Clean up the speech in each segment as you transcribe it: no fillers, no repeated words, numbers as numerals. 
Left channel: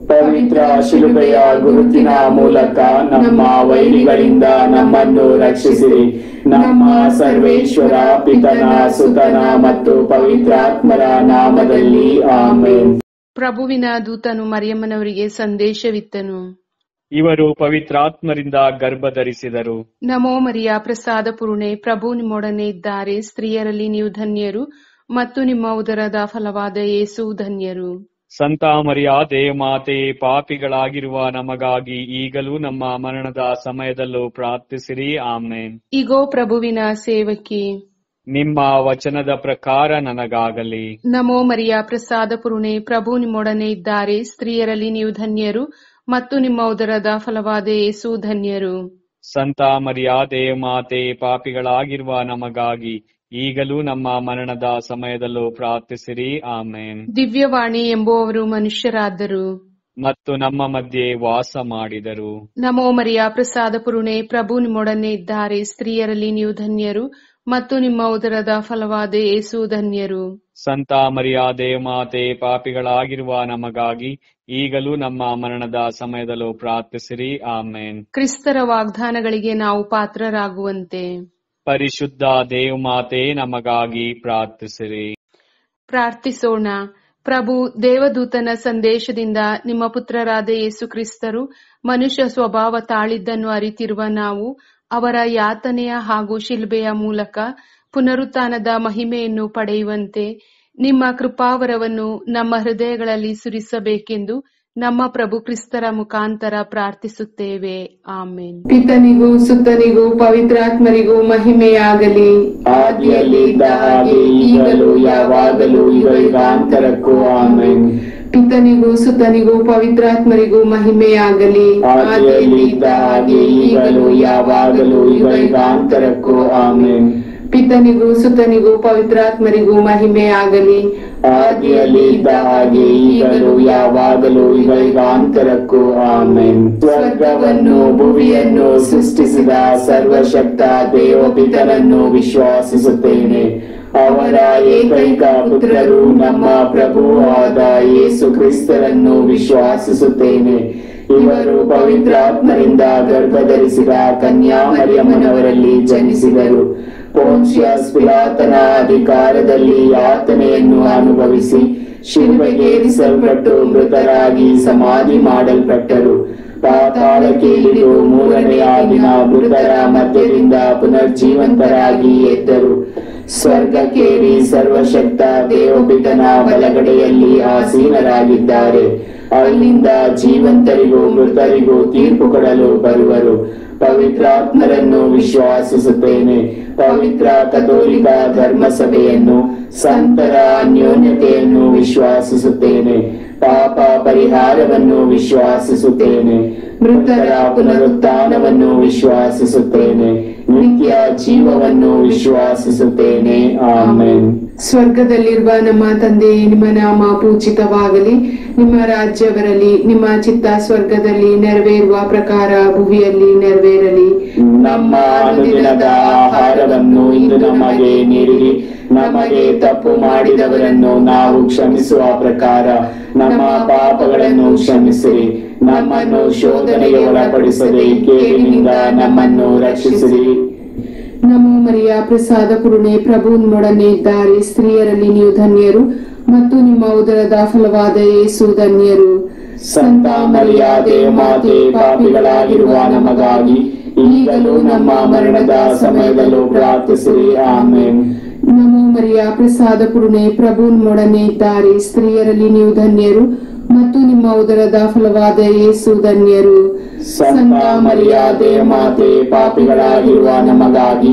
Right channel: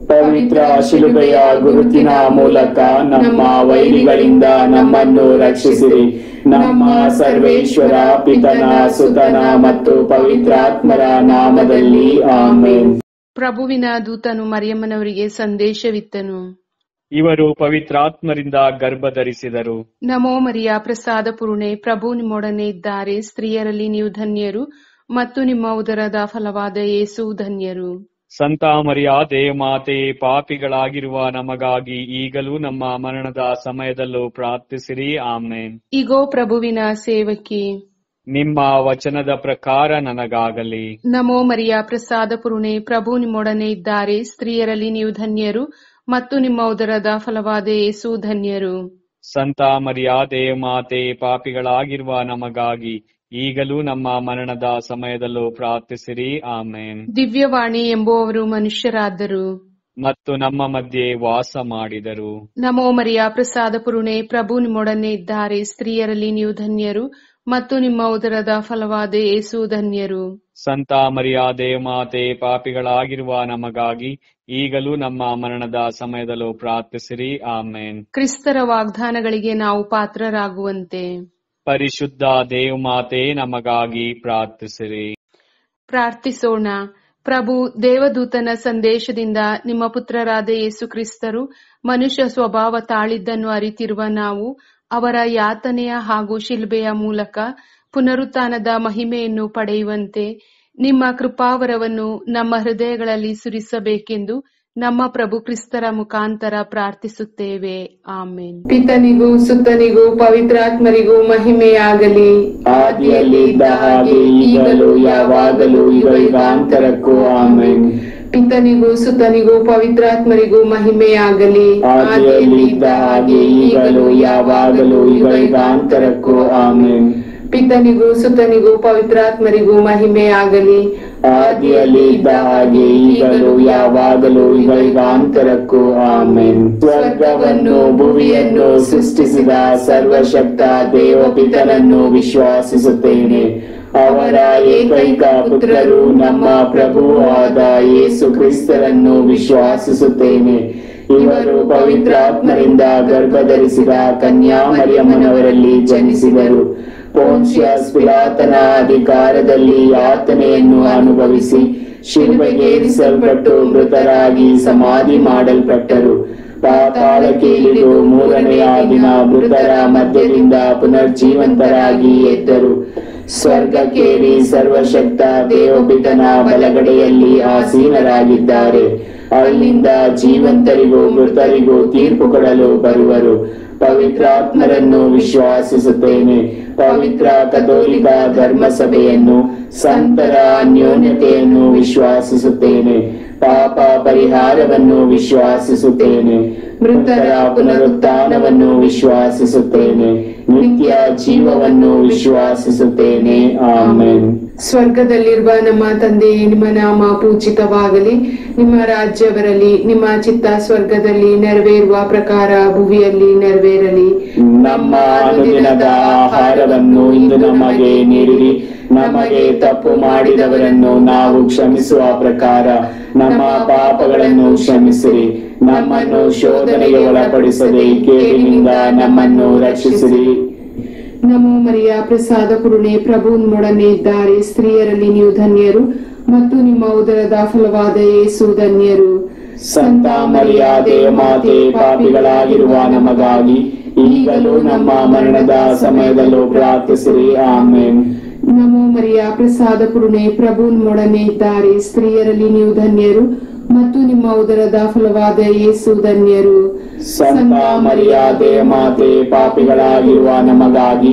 ಪವಿತ್ರ ಶಿಲುಬೆಯ ಗುರುತಿನ ಮೂಲಕ ನಮ್ಮ ವೈರಿಗಳಿಂದ ನಮ್ಮನ್ನು ರಕ್ಷಿಸಿರಿ. ನಮ್ಮ ಸರ್ವೇಶ್ವರ ಪಿತನ, ಸುತನ ಮತ್ತು ಪವಿತ್ರಾತ್ಮರ ನಾಮದಲ್ಲಿ ಆಮೆನ್. ಪ್ರಭುವಿನ ದೂತನು ಮರಿಯಮ್ಮನವರಿಗೆ ಸಂದೇಶವಿತ್ತನು. ಇವರು ಪವಿತ್ರಾತ್ಮರಿಂದ ಗರ್ಭಧರಿಸಿದರು. ನಮೋ ಮರಿಯ, ಪ್ರಸಾದ ಪೂರ್ಣೆ, ಪ್ರಭು ನಿಮ್ಮೊಡನೆ ಇದ್ದಾರೆ. ಸ್ತ್ರೀಯರಲ್ಲಿ ನೀವು ಧನ್ಯರು ಮತ್ತು ನಿಮ್ಮ ಉದರದ ಫಲವಾದ ಯೇಸು ಧನ್ಯರು. ಸಂತ ಮರಿಯಾದೆ ಮಾತೆ, ಪಾಪಿಗಳಾಗಿರುವ ನಮಗಾಗಿ ಈಗಲೂ ನಮ್ಮ ಮರಣದ ಸಮಯದಲ್ಲೂ ಪ್ರಾರ್ಥಿಸಿರಿ. ಆಮೇನ್. ಇಗೋ ಪ್ರಭುವಿನ ಸೇವಕಿ, ನಿಮ್ಮ ವಚನದ ಪ್ರಕಾರ ನನಗಾಗಲಿ. ನಮೋ ಮರಿಯ, ಪ್ರಸಾದ ಪೂರ್ಣೆ, ಪ್ರಭು ನಿಮ್ಮೊಡನೆ ಇದ್ದಾರೆ. ಸ್ತ್ರೀಯರಲ್ಲಿ ನೀವು ಧನ್ಯರು ಮತ್ತು ನಿಮ್ಮ ಉದರದ ಫಲವಾದ ಯೇಸು ಧನ್ಯರು. ಸಂತ ಮರಿಯಾದೆ ಮಾತೆ, ಪಾಪಿಗಳಾಗಿರುವ ನಮಗಾಗಿ ಈಗಲೂ ನಮ್ಮ ಮರಣದ ಸಮಯದಲ್ಲೂ ಪ್ರಾರ್ಥಿಸಿರಿ. ಆಮೇನ್. ದಿವ್ಯವಾಣಿ ಎಂಬುವವರು ಮನುಷ್ಯರಾದರು ಮತ್ತು ನಮ್ಮ ಮಧ್ಯೆ ವಾಸ ಮಾಡಿದರು. ನಮೋ ಮರಿಯ, ಪ್ರಸಾದ ಪೂರ್ಣೆ, ಪ್ರಭು ನಿಮ್ಮೊಡನೆ ಇದ್ದಾರೆ. ಸ್ತ್ರೀಯರಲ್ಲಿ ನೀವು ಧನ್ಯರು ಮತ್ತು ನಿಮ್ಮ ಉದರದ ಫಲವಾದ ಯೇಸು ಧನ್ಯರು. ಸಂತ ಮರಿಯಾದೆ ಮಾತೆ, ಪಾಪಿಗಳಾಗಿರುವ ನಮಗಾಗಿ ಈಗಲೂ ನಮ್ಮ ಮರಣದ ಸಮಯದಲ್ಲೂ ಪ್ರಾರ್ಥಿಸಿರಿ. ಆಮೇನ್. ಕ್ರಿಸ್ತರ ವಾಗ್ದಾನಗಳಿಗೆ ನಾವು ಪಾತ್ರರಾಗುವಂತೆ ಪರಿಶುದ್ಧ ದೇವಮಾತೆ, ನಮಗಾಗಿ ಪ್ರಾರ್ಥಿಸಿರಿ. ಪ್ರಾರ್ಥಿಸೋಣ. ಪ್ರಭು ದೇವದೂತನ ಸಂದೇಶದಿಂದ ನಿಮ್ಮ ಪುತ್ರರಾದ ಯೇಸು ಕ್ರಿಸ್ತರು ಮನುಷ್ಯ ಸ್ವಭಾವ ತಾಳಿದ್ದನ್ನು ಅರಿತಿರುವ ನಾವು ಅವರ ಯಾತನೆಯ ಹಾಗೂ ಶಿಲ್ಬೆಯ ಮೂಲಕ ಪುನರುತ್ಥಾನದ ಮಹಿಮೆಯನ್ನು ಪಡೆಯುವಂತೆ ನಿಮ್ಮ ಕೃಪಾವರವನ್ನು ನಮ್ಮ ಹೃದಯಗಳಲ್ಲಿ ಸುರಿಸಬೇಕೆಂದು ನಮ್ಮ ಪ್ರಭು ಕ್ರಿಸ್ತರ ಮುಖಾಂತರ ಪ್ರಾರ್ಥಿಸುತ್ತೇವೆ. ಆಮೇನ್. ಪಿತನಿಗೂ ಸುತ್ತನಿಗೂ ಪವಿತ್ರಾತ್ಮರಿಗೂ ಮಹಿಮೆಯಾಗಲಿ. ಆದಿಯಲ್ಲಿ ಇದ್ದ ಹಾಗೆ ಈಗಲೂ ಯಾವಾಗಲೂ ಯುಗಾಂತರಕ್ಕೂ ಆಮೆನ್. ಪಿತನಿಗೂ ಸುತ್ತನಿಗೂ ಪವಿತ್ರಾತ್ಮರಿಗೂ ಮಹಿಮೆಯಾಗಲಿ. ಆದಿಯಲ್ಲಿ ಇದ್ದ ಹಾಗೆ ಈಗಲೂ ಯಾವಾಗಲೂ ಯುಗಾಂತರಕ್ಕೂ ಆಮೆನ್. ಪಿತನಿಗೂ ಸುತ್ತನಿಗೂ ಪವಿತ್ರಾತ್ಮರಿಗೂ ಮಹಿಮೆಯಾಗಲಿ. ಆದಿಯಲ್ಲಿ ಇದ್ದ ಹಾಗೆ ಈಗಲೂ ಯಾವಾಗಲೂ ಯುಗಾಂತರಕ್ಕೂ ಆಮೆನ್. ಸ್ವರ್ಗವನ್ನು ಭುವಿಯನ್ನು ಸೃಷ್ಟಿಸಿದ ಸರ್ವಶಕ್ತ ದೇವಪಿತನನ್ನು ವಿಶ್ವಾಸಿಸುತ್ತೇನೆ. ಅವರ ಏಕೈಕ ಪುತ್ರರು ನಮ್ಮ ಪ್ರಭುವಾದ ಯೇಸು ಕ್ರಿಸ್ತರನ್ನು ವಿಶ್ವಾಸಿಸುತ್ತೇನೆ. ಇವರು ಪವಿತ್ರಾತ್ಮರಿಂದ ಗರ್ಭಧರಿಸಿದ ಕನ್ಯಾ ಮರಿಯಮ್ಮನವರಲ್ಲಿ ಜನಿಸಿದರು. ಪೋನ್ಷಿಯಸ್ ಪಿಲಾತನ ಅಧಿಕಾರದಲ್ಲಿ ಯಾತನೆಯನ್ನು ಅನುಭವಿಸಿ ಶಿಲುಬೆಗೇರಿಸಲ್ಪಟ್ಟು ಮೃತರಾಗಿ ಸಮಾಧಿ ಮಾಡಲ್ಪಟ್ಟರು. ಪಾತಾಳಕ್ಕೆ ಇಳಿದು ಮೂರನೆಯ ದಿನ ಮೃತರ ಮಧ್ಯದಿಂದ ಪುನರ್ಜೀವಂತರಾಗಿ ಎದ್ದರು. ಸ್ವರ್ಗಕ್ಕೇರಿ ಸರ್ವಶಕ್ತ ದೇವಪಿತನ ಬಲಗಡೆಯಲ್ಲಿ ಆಸೀನರಾಗಿದ್ದಾರೆ. ಅಲ್ಲಿಂದ ಜೀವಂತರಿಗೂ ಮೃತರಿಗೂ ತೀರ್ಪು ಕೊಡಲು ಬರುವರು. ಪವಿತ್ರಾತ್ಮರನ್ನು ವಿಶ್ವಾಸಿಸುತ್ತೇನೆ. ಪವಿತ್ರ ಕಥೋಲಿಕ ಧರ್ಮಸಭೆಯನ್ನು, ಸಂತರ ಅನ್ಯೋನ್ಯತೆಯನ್ನು ವಿಶ್ವಾಸಿಸುತ್ತೇನೆ. ಪಾಪ ಪರಿಹಾರವನ್ನು ವಿಶ್ವಾಸಿಸುತ್ತೇನೆ. ಮೃತರ ಪುನರುತ್ಥಾನವನ್ನು ವಿಶ್ವಾಸಿಸುತ್ತೇನೆ. ನಿತ್ಯ ಜೀವವನ್ನು ವಿಶ್ವಾಸಿಸುತ್ತೇನೆ. ಆಮೆನ್. ಸ್ವರ್ಗದಲ್ಲಿರುವ ನಮ್ಮ ತಂದೆಯೇ, ನಿಮ್ಮ ನಾಮ ಪೂಜಿತವಾಗಲಿ. ನಿಮ್ಮ ರಾಜ್ಯ ಬರಲಿ. ನಿಮ್ಮ ಚಿತ್ತ ಸ್ವರ್ಗದಲ್ಲಿ ನೆರವೇರುವ ಪ್ರಕಾರ ಭುವಿಯಲ್ಲಿ ನೆರವೇರಲಿ. ನಮ್ಮ ಅನುದಿನದ ಆಹಾರವನ್ನು ಇಂದು ನಮಗೆ ನೀಡಿರಿ. ನಮಗೆ ತಪ್ಪು ಮಾಡಿದವರನ್ನು ನಾವು ಕ್ಷಮಿಸುವ ಪ್ರಕಾರ ನಮ್ಮ ಪಾಪಗಳನ್ನು ಕ್ಷಮಿಸಿರಿ. ನಮ್ಮನ್ನು ಶೋಧನೆಗೆ ಒಳಪಡಿಸದೆ ಕೇಡಿನಿಂದ ನಮ್ಮನ್ನು ರಕ್ಷಿಸಿರಿ. ನಮೋ ಮರಿಯ, ಪ್ರಸಾದ ಪೂರ್ಣೆ, ಪ್ರಭು ನಿಮ್ಮೊಡನೆ ಇದ್ದಾರೆ. ಸ್ತ್ರೀಯರಲ್ಲಿ ನೀವು ಧನ್ಯರು ಮತ್ತು ನಿಮ್ಮ ಉದರದ ಫಲವಾದ ಯೇಸು ಧನ್ಯರು. ಸಂತ ಮರಿಯಾದೆ ಮಾತೆ, ಪಾಪಿಗಳಾಗಿರುವ ನಮಗಾಗಿ ಈಗಲೂ ನಮ್ಮ ಮರಣದ ಸಮಯದಲ್ಲೂ ಪ್ರಾರ್ಥಿಸಿರಿ. ಆಮೆನ್. ನಮೋ ಮರಿಯ, ಪ್ರಸಾದ ಪೂರ್ಣೆ, ಪ್ರಭು ನಿಮ್ಮೊಡನೆ ಇದ್ದಾರೆ. ಸ್ತ್ರೀಯರಲ್ಲಿ ನೀವು ಧನ್ಯರು ಮತ್ತು ನಿಮ್ಮ ಉದರದ ಫಲವಾದ ಯೇಸು ಧನ್ಯರು. ಸಂತ ಮರಿಯಾದೆ ಮಾತೆ, ಪಾಪಿಗಳಾಗಿರುವ ನಮಗಾಗಿ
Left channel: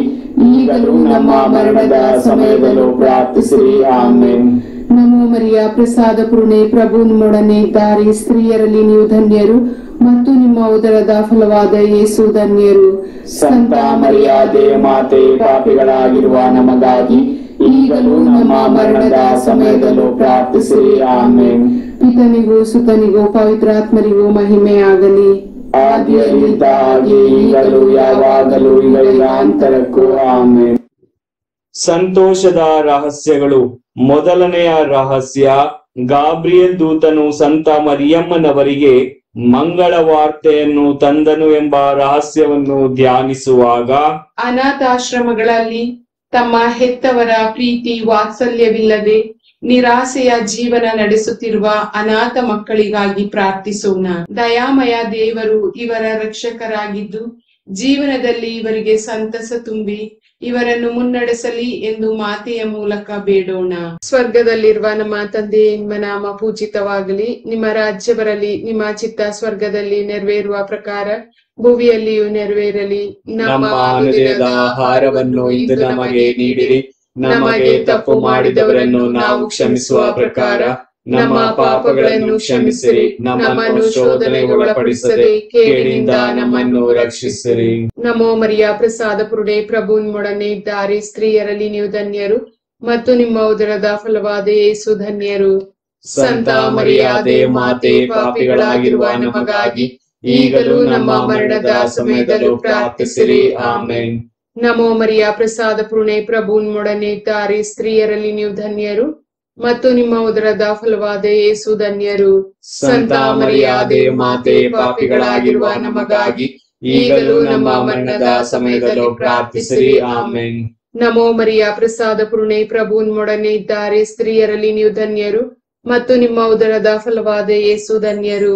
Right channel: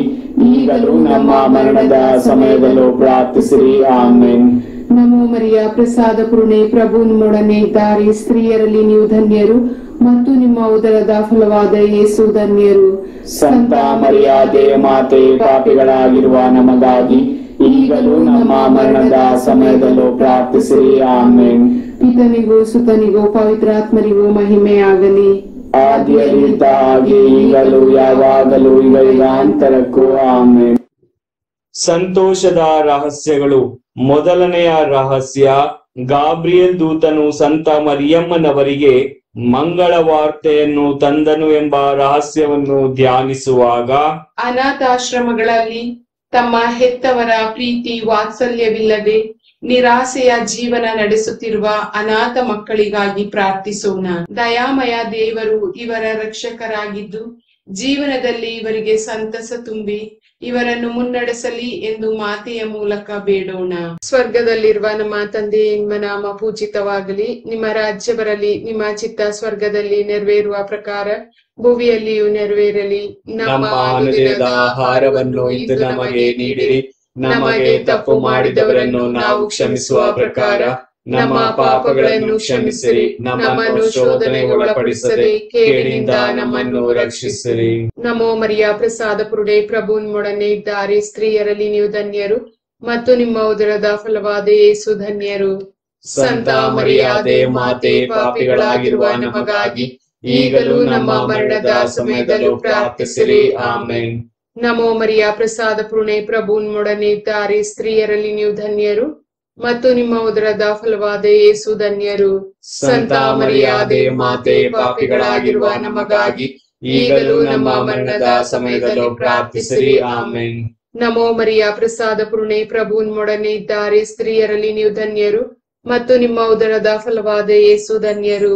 ಈಗಲೂ ನಮ್ಮ ಮರಣದ ಸಮಯದಲ್ಲೂ ಪ್ರಾರ್ಥಿಸಿರಿ. ಆಮೆನ್. ನಮೋ ಮರಿಯ, ಪ್ರಸಾದ ಪೂರ್ಣೆ, ಪ್ರಭು ನಿಮ್ಮೊಡನೆ ಇದ್ದಾರೆ. ಸ್ತ್ರೀಯರಲ್ಲಿ ನೀವು ಧನ್ಯರು ಮತ್ತು ನಿಮ್ಮ ಉದರದ ಫಲವಾದ ಯೇಸು ಧನ್ಯರು. ಸಂತ ಮರಿಯಾದೆ ಮಾತೆ, ಪಾಪಿಗಳಾಗಿರುವ ನಮಗಾಗಿ ಈಗಲೂ ನಮ್ಮ ಮರಣದ ಸಮಯದಲ್ಲೂ ಪ್ರಾರ್ಥಿಸಿರಿ. ಆಮೆನ್. ಪಿತನಿಗೂ ಸುತನಿಗೂ ಪವಿತ್ರಾತ್ಮರಿಗೂ ಮಹಿಮೆಯಾಗಲಿ. ಆದಿಯಲ್ಲಿದ್ದ ಹಾಗೆ ಈಗಲೂ ಯಾವಾಗಲೂ ಯುಗಾಂತರಕ್ಕೂ ಆಮೆನ್. ಸಂತೋಷದ ರಹಸ್ಯಗಳು. ಮೊದಲನೆಯ ರಹಸ್ಯ, ಗಾಬ್ರಿಯಲ್ ದೂತನು ಸಂತ ಮರಿಯಮ್ಮನವರಿಗೆ ಮಂಗಳ ವಾರ್ತೆಯನ್ನು ತಂದನು ಎಂಬ ರಹಸ್ಯವನ್ನು ಧ್ಯಾನಿಸುವಾಗ ಅನಾಥಾಶ್ರಮಗಳಲ್ಲಿ ತಮ್ಮ ಹೆತ್ತವರ ಪ್ರೀತಿ ವಾತ್ಸಲ್ಯವಿಲ್ಲದೆ ನಿರಾಸೆಯ ಜೀವನ ನಡೆಸುತ್ತಿರುವ ಅನಾಥ ಮಕ್ಕಳಿಗಾಗಿ ಪ್ರಾರ್ಥಿಸೋಣ. ದಯಾಮಯ ದೇವರು ಇವರ ರಕ್ಷಕರಾಗಿದ್ದು ಜೀವನದಲ್ಲಿ ಇವರಿಗೆ ಸಂತಸ ತುಂಬಿ ಇವರನ್ನು ಮುನ್ನಡೆಸಲಿ ಎಂದು ಮಾತೆಯ ಮೂಲಕ ಬೇಡೋಣ. ಸ್ವರ್ಗದಲ್ಲಿರುವ ನಮ್ಮ ತಂದೆ, ನಿಮ್ಮ ನಾಮ ಪೂಜಿತವಾಗಲಿ, ನಿಮ್ಮ ರಾಜ್ಯ ಬರಲಿ, ನಿಮ್ಮ ಚಿತ್ತ ಸ್ವರ್ಗದಲ್ಲಿ ನೆರವೇರುವ ಪ್ರಕಾರ ಭುವಿಯಲ್ಲಿಯೂ ನೆರವೇರಲಿ. ನಮ್ಮ ಅನುದಿನದ ಆಹಾರವನ್ನು ಇಂದು ನಮಗೆ ನೀಡಿರಿ. ನಮಗೆ ತಪ್ಪು ಮಾಡಿದವರನ್ನು ನಾವು ಕ್ಷಮಿಸುವ ಪ್ರಕಾರ ನಮ್ಮ ಪಾಪಗಳನ್ನು ಕ್ಷಮಿಸಿರಿ. ನಮ್ಮನ್ನು ಶೋಧನೆಗೆ ಒಳಪಡಿಸದೆ ಕೇಡಿನಿಂದ ನಮ್ಮನ್ನು ರಕ್ಷಿಸಿರಿ. ನಮೋ ಮರಿಯ ಪ್ರಸಾದ ಪುರುಡೆ, ಪ್ರಭು ನಿಮ್ಮೊಡನೆ ಇದ್ದಾರೆ. ಸ್ತ್ರೀಯರಲ್ಲಿ ನೀವು ಧನ್ಯರು ಮತ್ತು ನಿಮ್ಮ ಉದರದ ಫಲವಾದ ಯೇಸು ಧನ್ಯರು. ಸಂತ ಮರಿಯಾದೆ ಮಾತೆ, ಪಾಪಿಗಳಾಗಿರುವ ನಮಗಾಗಿ ಈಗಲೂ ನಮ್ಮ ಮರಣದ ಸಮಯದಲ್ಲೂ ಪ್ರಾರ್ಥಿಸಿರಿ. ಆಮೆನ್. ನಮೋ ಮರಿಯ ಪ್ರಸಾದ ಪುರುಣೆ, ಪ್ರಭು ನಿಮ್ಮೊಡನೆ ಇದ್ದಾರೆ. ಸ್ತ್ರೀಯರಲ್ಲಿ ನೀವು ಧನ್ಯರು ಮತ್ತು ನಿಮ್ಮ ಉದರದ ಫಲವಾದ ಯೇಸು ಧನ್ಯರು. ಸಂತ ಮರಿಯಾದೆ ಮಾತೆ, ಪಾಪಿಗಳಾಗಿರುವ ನಮಗಾಗಿ ಈಗಲೂ ನಮ್ಮ ಮರಣದ ಸಮಯದಲ್ಲೂ ಪ್ರಾರ್ಥಿಸಿರಿ. ಆಮೆನ್. ನಮೋ ಮರಿಯ ಪ್ರಸಾದ ಪುರುಣೆ, ಪ್ರಭು ನಿಮ್ಮೊಡನೆ ಇದ್ದಾರೆ. ಸ್ತ್ರೀಯರಲ್ಲಿ ನೀವು ಧನ್ಯರು ಮತ್ತು ನಿಮ್ಮ ಉದರದ ಫಲವಾದ ಯೇಸು ಧನ್ಯರು.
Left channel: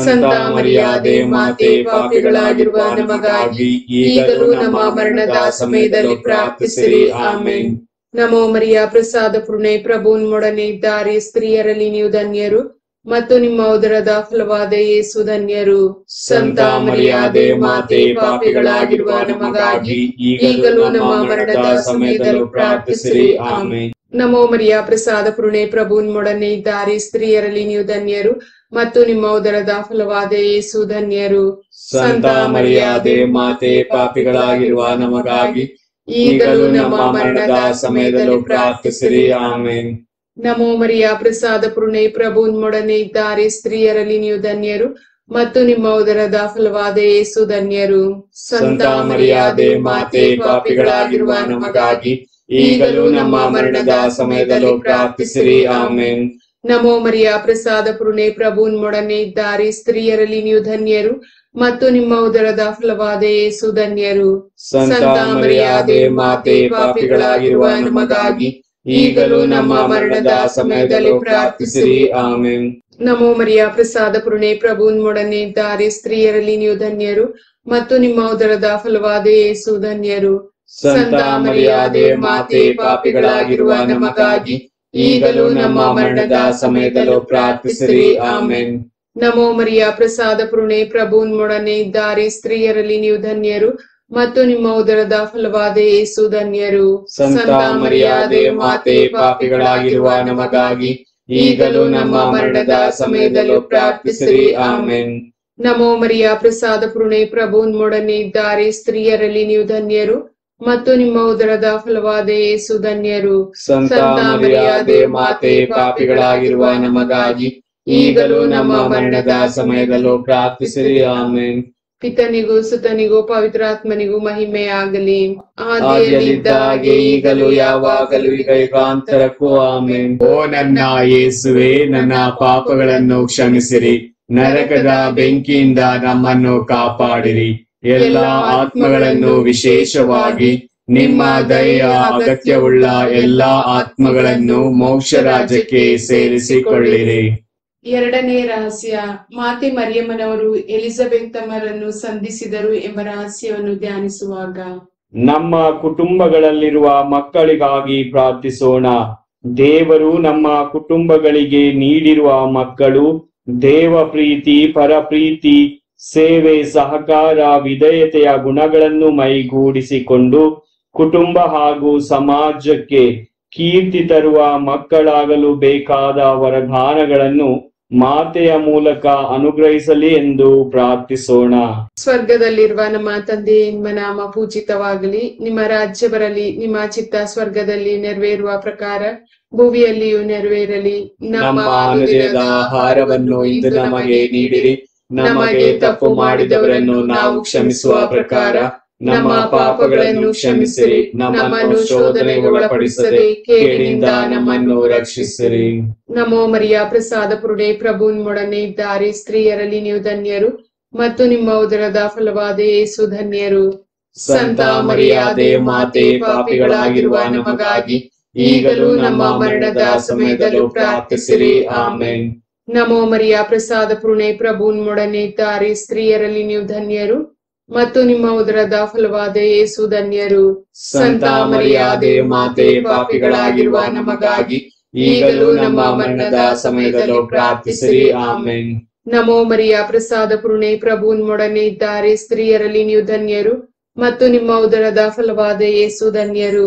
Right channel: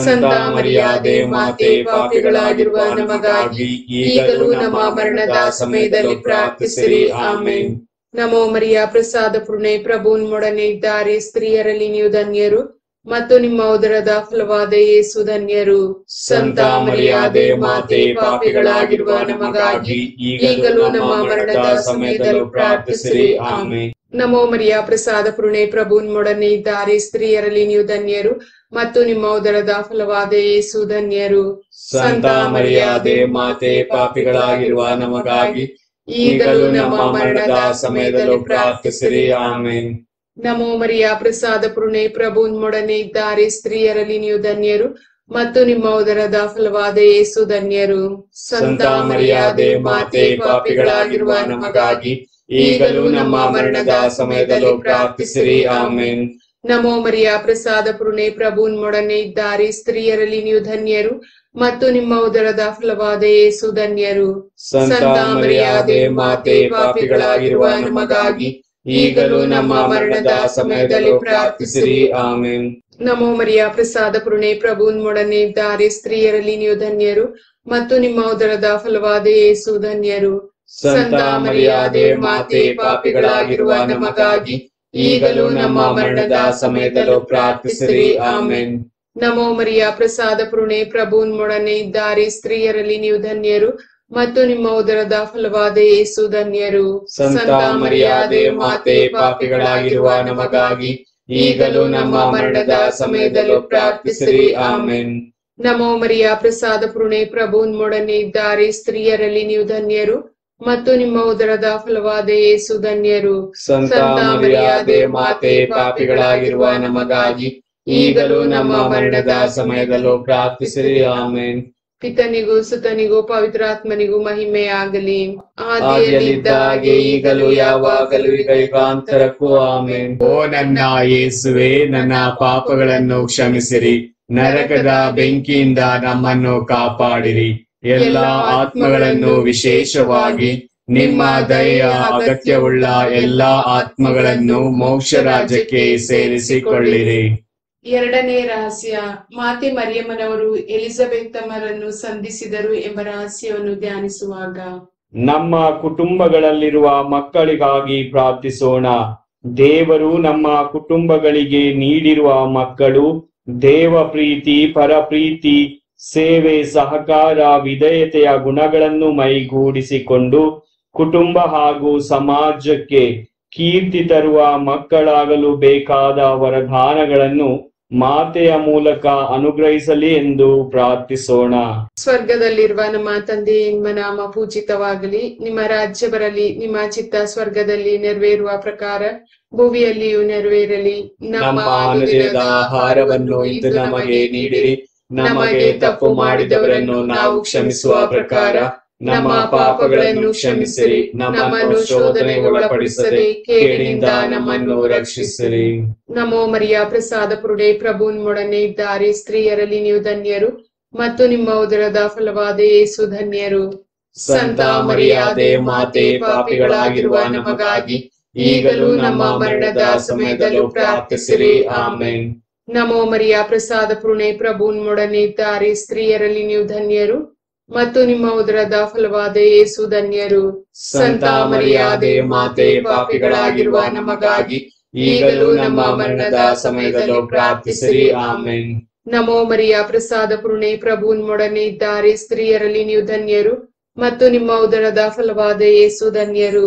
ಸಂತ ಮರಿಯಾದೆ ಮಾತೆ, ಪಾಪಿಗಳಾಗಿರುವ ನಮಗಾಗಿ ಈಗಲೂ ನಮ್ಮ ಮರಣದ ಸಮಯದಲ್ಲಿ ಪ್ರಾರ್ಥಿಸಿರಿ. ಆಮೆನ್. ನಮೋ ಮರಿಯ ಪ್ರಸಾದ ಪುರುಣೆ, ಪ್ರಭು ನಿಮ್ಮೊಡನೆ ಇದ್ದಾರೆ. ಸ್ತ್ರೀಯರಲ್ಲಿ ನೀವು ಧನ್ಯರು ಮತ್ತು ನಿಮ್ಮ ಉದರದ ಫಲವಾದ ಯೇಸು ಧನ್ಯರು. ಸಂತ ಮರಿಯಾದೆ ಮಾತೆ, ಪಾಪಿಗಳಾಗಿರುವ ನಮಗಾಗಿ ಈಗಲೂ ನಮ್ಮ ಮರಣದ ಸಮಯದಲ್ಲೂ ಪ್ರಾರ್ಥಿಸಿರಿ. ಆಮೆನ್. ನಮೋ ಮರಿಯ ಪ್ರಸಾದ ಪುರುಣೆ, ಪ್ರಭು ನಿಮ್ಮೊಡನೆ ಇದ್ದಾರೆ. ಸ್ತ್ರೀಯರಲ್ಲಿ ನೀವು ಧನ್ಯರು ಮತ್ತು ನಿಮ್ಮ ಉದರದ ಫಲವಾದ ಯೇಸು ಧನ್ಯರು. ಸಂತ ಮರಿಯಾದೆ ಮಾತೆ, ಪಾಪಿಗಳಾಗಿರುವ ನಮಗಾಗಿ ಈಗಲೂ ನಮ್ಮ ಮರಣದ ಸಮಯದಲ್ಲೂ ಪ್ರಾರ್ಥಿಸಿರಿ. ಆಮೆನ್. ನಮೋ ಮರಿಯ ಪ್ರಸಾದ ಪುರುಣೆ, ಪ್ರಭು ನಿಮ್ಮೊಡನೆ ಇದ್ದಾರೆ. ಸ್ತ್ರೀಯರಲ್ಲಿ ನೀವು ಧನ್ಯರು ಮತ್ತು ನಿಮ್ಮ ಉದರದ ಫಲವಾದ ಯೇಸು ಧನ್ಯರು. ಸಂತ ಮರಿಯಾದೆ ಮಾತೆ, ಪಾಪಿಗಳಾಗಿರುವ ನಮಗಾಗಿ ಈಗಲೂ ನಮ್ಮ ಮರಣದ ಸಮಯದಲ್ಲೂ ಪ್ರಾರ್ಥಿಸಿರಿ. ಆಮೆನ್. ನಮೋ ಮರಿಯ ಪ್ರಸಾದ ಪುರುಣೆ, ಪ್ರಭು ನಿಮ್ಮೊಡನೆ ಇದ್ದಾರೆ. ಸ್ತ್ರೀಯರಲ್ಲಿ ನೀವು ಧನ್ಯರು ಮತ್ತು ನಿಮ್ಮ ಉದರದ ಫಲವಾದ ಯೇಸು ಧನ್ಯರು. ಸಂತ ಮರಿಯಾದೆ ಮಾತೆ, ಪಾಪಿಗಳಾಗಿರುವ ನಮಗಾಗಿ ಈಗಲೂ ನಮ್ಮ ಮರಣದ ಸಮಯದಲ್ಲೂ ಪ್ರಾರ್ಥಿಸಿರಿ. ಆಮೆನ್. ನಮೋ ಮರಿಯ ಪ್ರಸಾದ ಪುರುಣೆ, ಪ್ರಭು ನಿಮ್ಮೊಡನೆ ಇದ್ದಾರೆ. ಸ್ತ್ರೀಯರಲ್ಲಿ ನೀವು ಧನ್ಯರು ಮತ್ತು ನಿಮ್ಮ ಉದರದ ಫಲವಾದ ಯೇಸು ಧನ್ಯರು. ಸಂತ ಮರಿಯಾದೆ ಮಾತೆ, ಪಾಪಿಗಳಾಗಿರುವ ನಮಗಾಗಿ ಈಗಲೂ ನಮ್ಮ ಮರಣದ ಸಮಯದಲ್ಲೂ ಪ್ರಾರ್ಥಿಸಿರಿ. ಆಮೆನ್. ನಮೋ ಮರಿಯ ಪ್ರಸಾದ ಪುರುಣೆ, ಪ್ರಭು ನಿಮ್ಮೊಡನೆ ಇದ್ದಾರೆ. ಸ್ತ್ರೀಯರಲ್ಲಿ ನೀವು ಧನ್ಯರು ಮತ್ತು ನಿಮ್ಮ ಉದರದ ಫಲವಾದ ಯೇಸು ಧನ್ಯರು. ಸಂತ ಮರಿಯಾದೆ ಮಾತೆ, ಪಾಪಿಗಳಾಗಿರುವ ನಮಗಾಗಿ ಈಗಲೂ ನಮ್ಮ ಮರಣದ ಸಮಯದಲ್ಲೂ ಪ್ರಾರ್ಥಿಸಿರಿ. ಆಮೆನ್. ನಮೋ ಮರಿಯ ಪ್ರಸಾದ ಪುರುಣೆ, ಪ್ರಭು ನಿಮ್ಮೊಡನೆ ಇದ್ದಾರೆ. ಸ್ತ್ರೀಯರಲ್ಲಿ ನೀವು ಧನ್ಯರು ಮತ್ತು ನಿಮ್ಮ ಉದರದ ಫಲವಾದ ಯೇಸು ಧನ್ಯರು. ಸಂತ ಮರಿಯಾದೆ ಮಾತೆ, ಪಾಪಿಗಳಾಗಿರುವ ನಮಗಾಗಿ ಈಗಲೂ ನಮ್ಮ ಮರಣದ ಸಮಯದಲ್ಲೂ ಪ್ರಾರ್ಥಿಸಿರಿ. ಆಮೆನ್. ಪಿತನಿಗೂ ಸುತನಿಗೂ ಪವಿತ್ರಾತ್ಮನಿಗೂ ಮಹಿಮೆ ಆಗಲಿ. ಆದಿಯಲ್ಲಿದ್ದ ಹಾಗೆ ಈಗಲೂ ಯಾವಾಗಲೂ ಈಗ ಯುಗಾಂತರಕ್ಕೂ. ಆಮೆನ್. ಓ ನನ್ನ ಯೇಸುವೆ, ನನ್ನ ಪಾಪಗಳನ್ನು ಕ್ಷಮಿಸಿರಿ, ನರಕದ ಬೆಂಕಿಯಿಂದ ನಮ್ಮನ್ನು ಕಾಪಾಡಿರಿ. ಎಲ್ಲ ಆತ್ಮಗಳನ್ನು, ವಿಶೇಷವಾಗಿ ನಿಮ್ಮ ದಯೆಯ ಅಗತ್ಯವುಳ್ಳ ಎಲ್ಲಾ ಆತ್ಮಗಳನ್ನು ಮೋಕ್ಷ ರಾಜ್ಯಕ್ಕೆ ಸೇರಿಸಿಕೊಳ್ಳಿರಿ. ಎರಡನೇ ರಹಸ್ಯ, ಮಾತೆ ಮರಿಯಮ್ಮನವರು ಎಲಿಜಬೆತ್ ತಮ್ಮರನ್ನು ಸಂಧಿಸಿದರು ಎಂಬ ರಹಸ್ಯವನ್ನು ಧ್ಯಾನಿಸುವಾಗ ನಮ್ಮ ಕುಟುಂಬಗಳಲ್ಲಿರುವ ಮಕ್ಕಳಿಗಾಗಿ ಪ್ರಾರ್ಥಿಸೋಣ. ದೇವರು ನಮ್ಮ ಕುಟುಂಬಗಳಿಗೆ ನೀಡಿರುವ ಮಕ್ಕಳು ದೇವ ಪ್ರೀತಿ, ಪರಪ್ರೀತಿ, ಸೇವೆ, ಸಹಕಾರ, ವಿಧೇಯತೆಯ ಗುಣಗಳನ್ನು ಮೈಗೂಡಿಸಿಕೊಂಡು ಕುಟುಂಬ ಹಾಗೂ ಸಮಾಜಕ್ಕೆ ಕೀರ್ತಿ ತರುವ ಮಕ್ಕಳಾಗಲು ಬೇಕಾದ ವರದಾನಗಳನ್ನು ಮಾತೆಯ ಮೂಲಕ ಅನುಗ್ರಹಿಸಲಿ ಎಂದು ಪ್ರಾರ್ಥಿಸೋಣ. ಸ್ವರ್ಗದಲ್ಲಿರುವ ನಮ್ಮ ತಂದೆ, ನಿಮ್ಮ ನಾಮ ಪೂಜಿತವಾಗಲಿ, ನಿಮ್ಮ ರಾಜ್ಯ ಬರಲಿ, ನಿಮ್ಮ ಚಿತ್ತ ಸ್ವರ್ಗದಲ್ಲಿ ನೆರವೇರುವ ಪ್ರಕಾರ ಭುವಿಯಲ್ಲಿಯೂ ನೆರವೇರಲಿ. ನಮ್ಮ ಅನುದಿನದ ಆಹಾರವನ್ನು ಇಂದು ನಮಗೆ ನೀಡಿರಿ. ನಮಗೆ ತಪ್ಪು ಮಾಡಿದವರನ್ನು ನಾವು ಕ್ಷಮಿಸುವ ಪ್ರಕಾರ ನಮ್ಮ ಪಾಪಗಳನ್ನು ಕ್ಷಮಿಸಿರಿ, ನಮ್ಮನ್ನು ಶೋಧನೆಗೆ ಒಳಪಡಿಸದೆ ಕೇಡಿನಿಂದ ನಮ್ಮನ್ನು ರಕ್ಷಿಸಿರಿ. ನಮೋ ಮರಿಯ ಪ್ರಸಾದ ಪುರುಡೆ ಪ್ರಭು ನಿಮ್ಮೊಡನೆ ಇದ್ದಾರೆ, ಸ್ತ್ರೀಯರಲ್ಲಿ ನೀವು ಧನ್ಯರು ಮತ್ತು ನಿಮ್ಮ ಉದರದ ಫಲವಾದ ಯೇಸು ಧನ್ಯರು. ಸಂತ ಮರಿಯಾದೆ ಮಾತೆ, ಪಾಪಿಗಳಾಗಿರುವ ನಮಗಾಗಿ ಈಗಲೂ ನಮ್ಮ ಮರಣದ ಸಮಯದಲ್ಲೂ ಪ್ರಾರ್ಥಿಸಿರಿ. ಆಮೆನ್. ನಮೋ ಮರಿಯ ಪ್ರಸಾದ ಪುರುಣೆ ಪ್ರಭು ನಿಮ್ಮೊಡನೆ ಇದ್ದಾರೆ, ಸ್ತ್ರೀಯರಲ್ಲಿ ನೀವು ಧನ್ಯರು ಮತ್ತು ನಿಮ್ಮ ಉದರದ ಫಲವಾದ ಯೇಸು ಧನ್ಯರು. ಸಂತ ಮರಿಯಾದೆ ಮಾತೆ, ಪಾಪಿಗಳಾಗಿರುವ ನಮಗಾಗಿ ಈಗಲೂ ನಮ್ಮ ಮರಣದ ಸಮಯದಲ್ಲೂ ಪ್ರಾರ್ಥಿಸಿರಿ. ಆಮೆನ್. ನಮೋ ಮರಿಯ ಪ್ರಸಾದ ಪುರುಣೆ ಪ್ರಭು ನಿಮ್ಮೊಡನೆ ಇದ್ದಾರೆ, ಸ್ತ್ರೀಯರಲ್ಲಿ ನೀವು ಧನ್ಯರು ಮತ್ತು ನಿಮ್ಮ ಉದರದ ಫಲವಾದ ಯೇಸು ಧನ್ಯರು.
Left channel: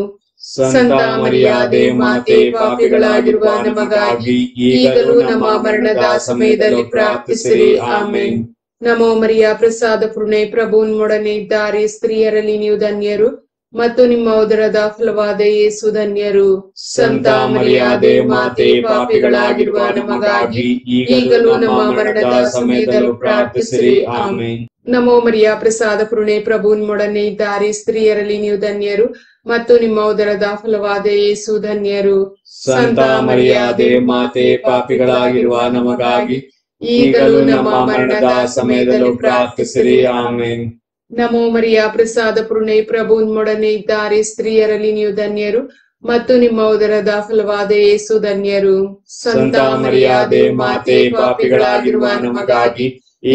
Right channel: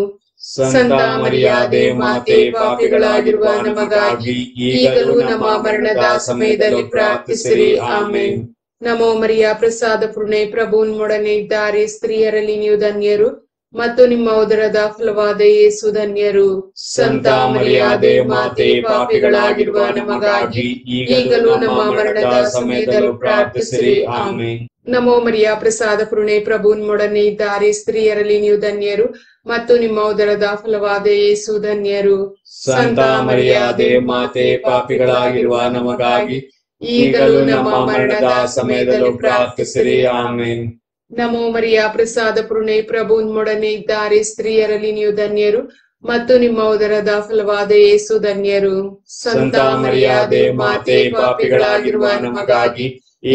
ಸಂತ ಮರಿಯಾದೆ ಮಾತೆ, ಪಾಪಿಗಳಾಗಿರುವ ನಮಗಾಗಿ ಈಗಲೂ ನಮ್ಮ ಮರಣದ ಸಮಯದಲ್ಲಿ ಪ್ರಾರ್ಥಿಸಿರಿ. ಆಮೆನ್. ನಮೋ ಮರಿಯ ಪ್ರಸಾದ ಪುರುಣೆ ಪ್ರಭು ನಿಮ್ಮೊಡನೆ ಇದ್ದಾರೆ, ಸ್ತ್ರೀಯರಲ್ಲಿ ನೀವು ಧನ್ಯರು ಮತ್ತು ನಿಮ್ಮ ಉದರದ ಫಲವಾದ ಯೇಸು ಧನ್ಯರು. ಸಂತ ಮರಿಯಾದೆ ಮಾತೆ, ಪಾಪಿಗಳಾಗಿರುವ ನಮಗಾಗಿ ಈಗಲೂ ನಮ್ಮ ಮರಣದ ಸಮಯದಲ್ಲೂ ಪ್ರಾರ್ಥಿಸಿರಿ. ಆಮೆನ್. ನಮೋ ಮರಿಯ ಪ್ರಸಾದ ಪುರುಣೆ ಪ್ರಭು ನಿಮ್ಮೊಡನೆ ಇದ್ದಾರೆ, ಸ್ತ್ರೀಯರಲ್ಲಿ ನೀವು ಧನ್ಯರು ಮತ್ತು ನಿಮ್ಮ ಉದರದ ಫಲವಾದ ಯೇಸು ಧನ್ಯರು. ಸಂತ ಮರಿಯಾದೆ ಮಾತೆ, ಪಾಪಿಗಳಾಗಿರುವ ನಮಗಾಗಿ ಈಗಲೂ ನಮ್ಮ ಮರಣದ ಸಮಯದಲ್ಲೂ ಪ್ರಾರ್ಥಿಸಿರಿ. ಆಮೆನ್. ನಮೋ ಮರಿಯ ಪ್ರಸಾದ ಪುರುಣೆ ಪ್ರಭು ನಿಮ್ಮೊಡನೆ ಇದ್ದಾರೆ, ಸ್ತ್ರೀಯರಲ್ಲಿ ನೀವು ಧನ್ಯರು ಮತ್ತು ನಿಮ್ಮ ಉದರದ ಫಲವಾದ ಯೇಸು ಧನ್ಯರು. ಸಂತ ಮರಿಯಾದೆ ಮಾತೆ, ಪಾಪಿಗಳಾಗಿರುವ ನಮಗಾಗಿ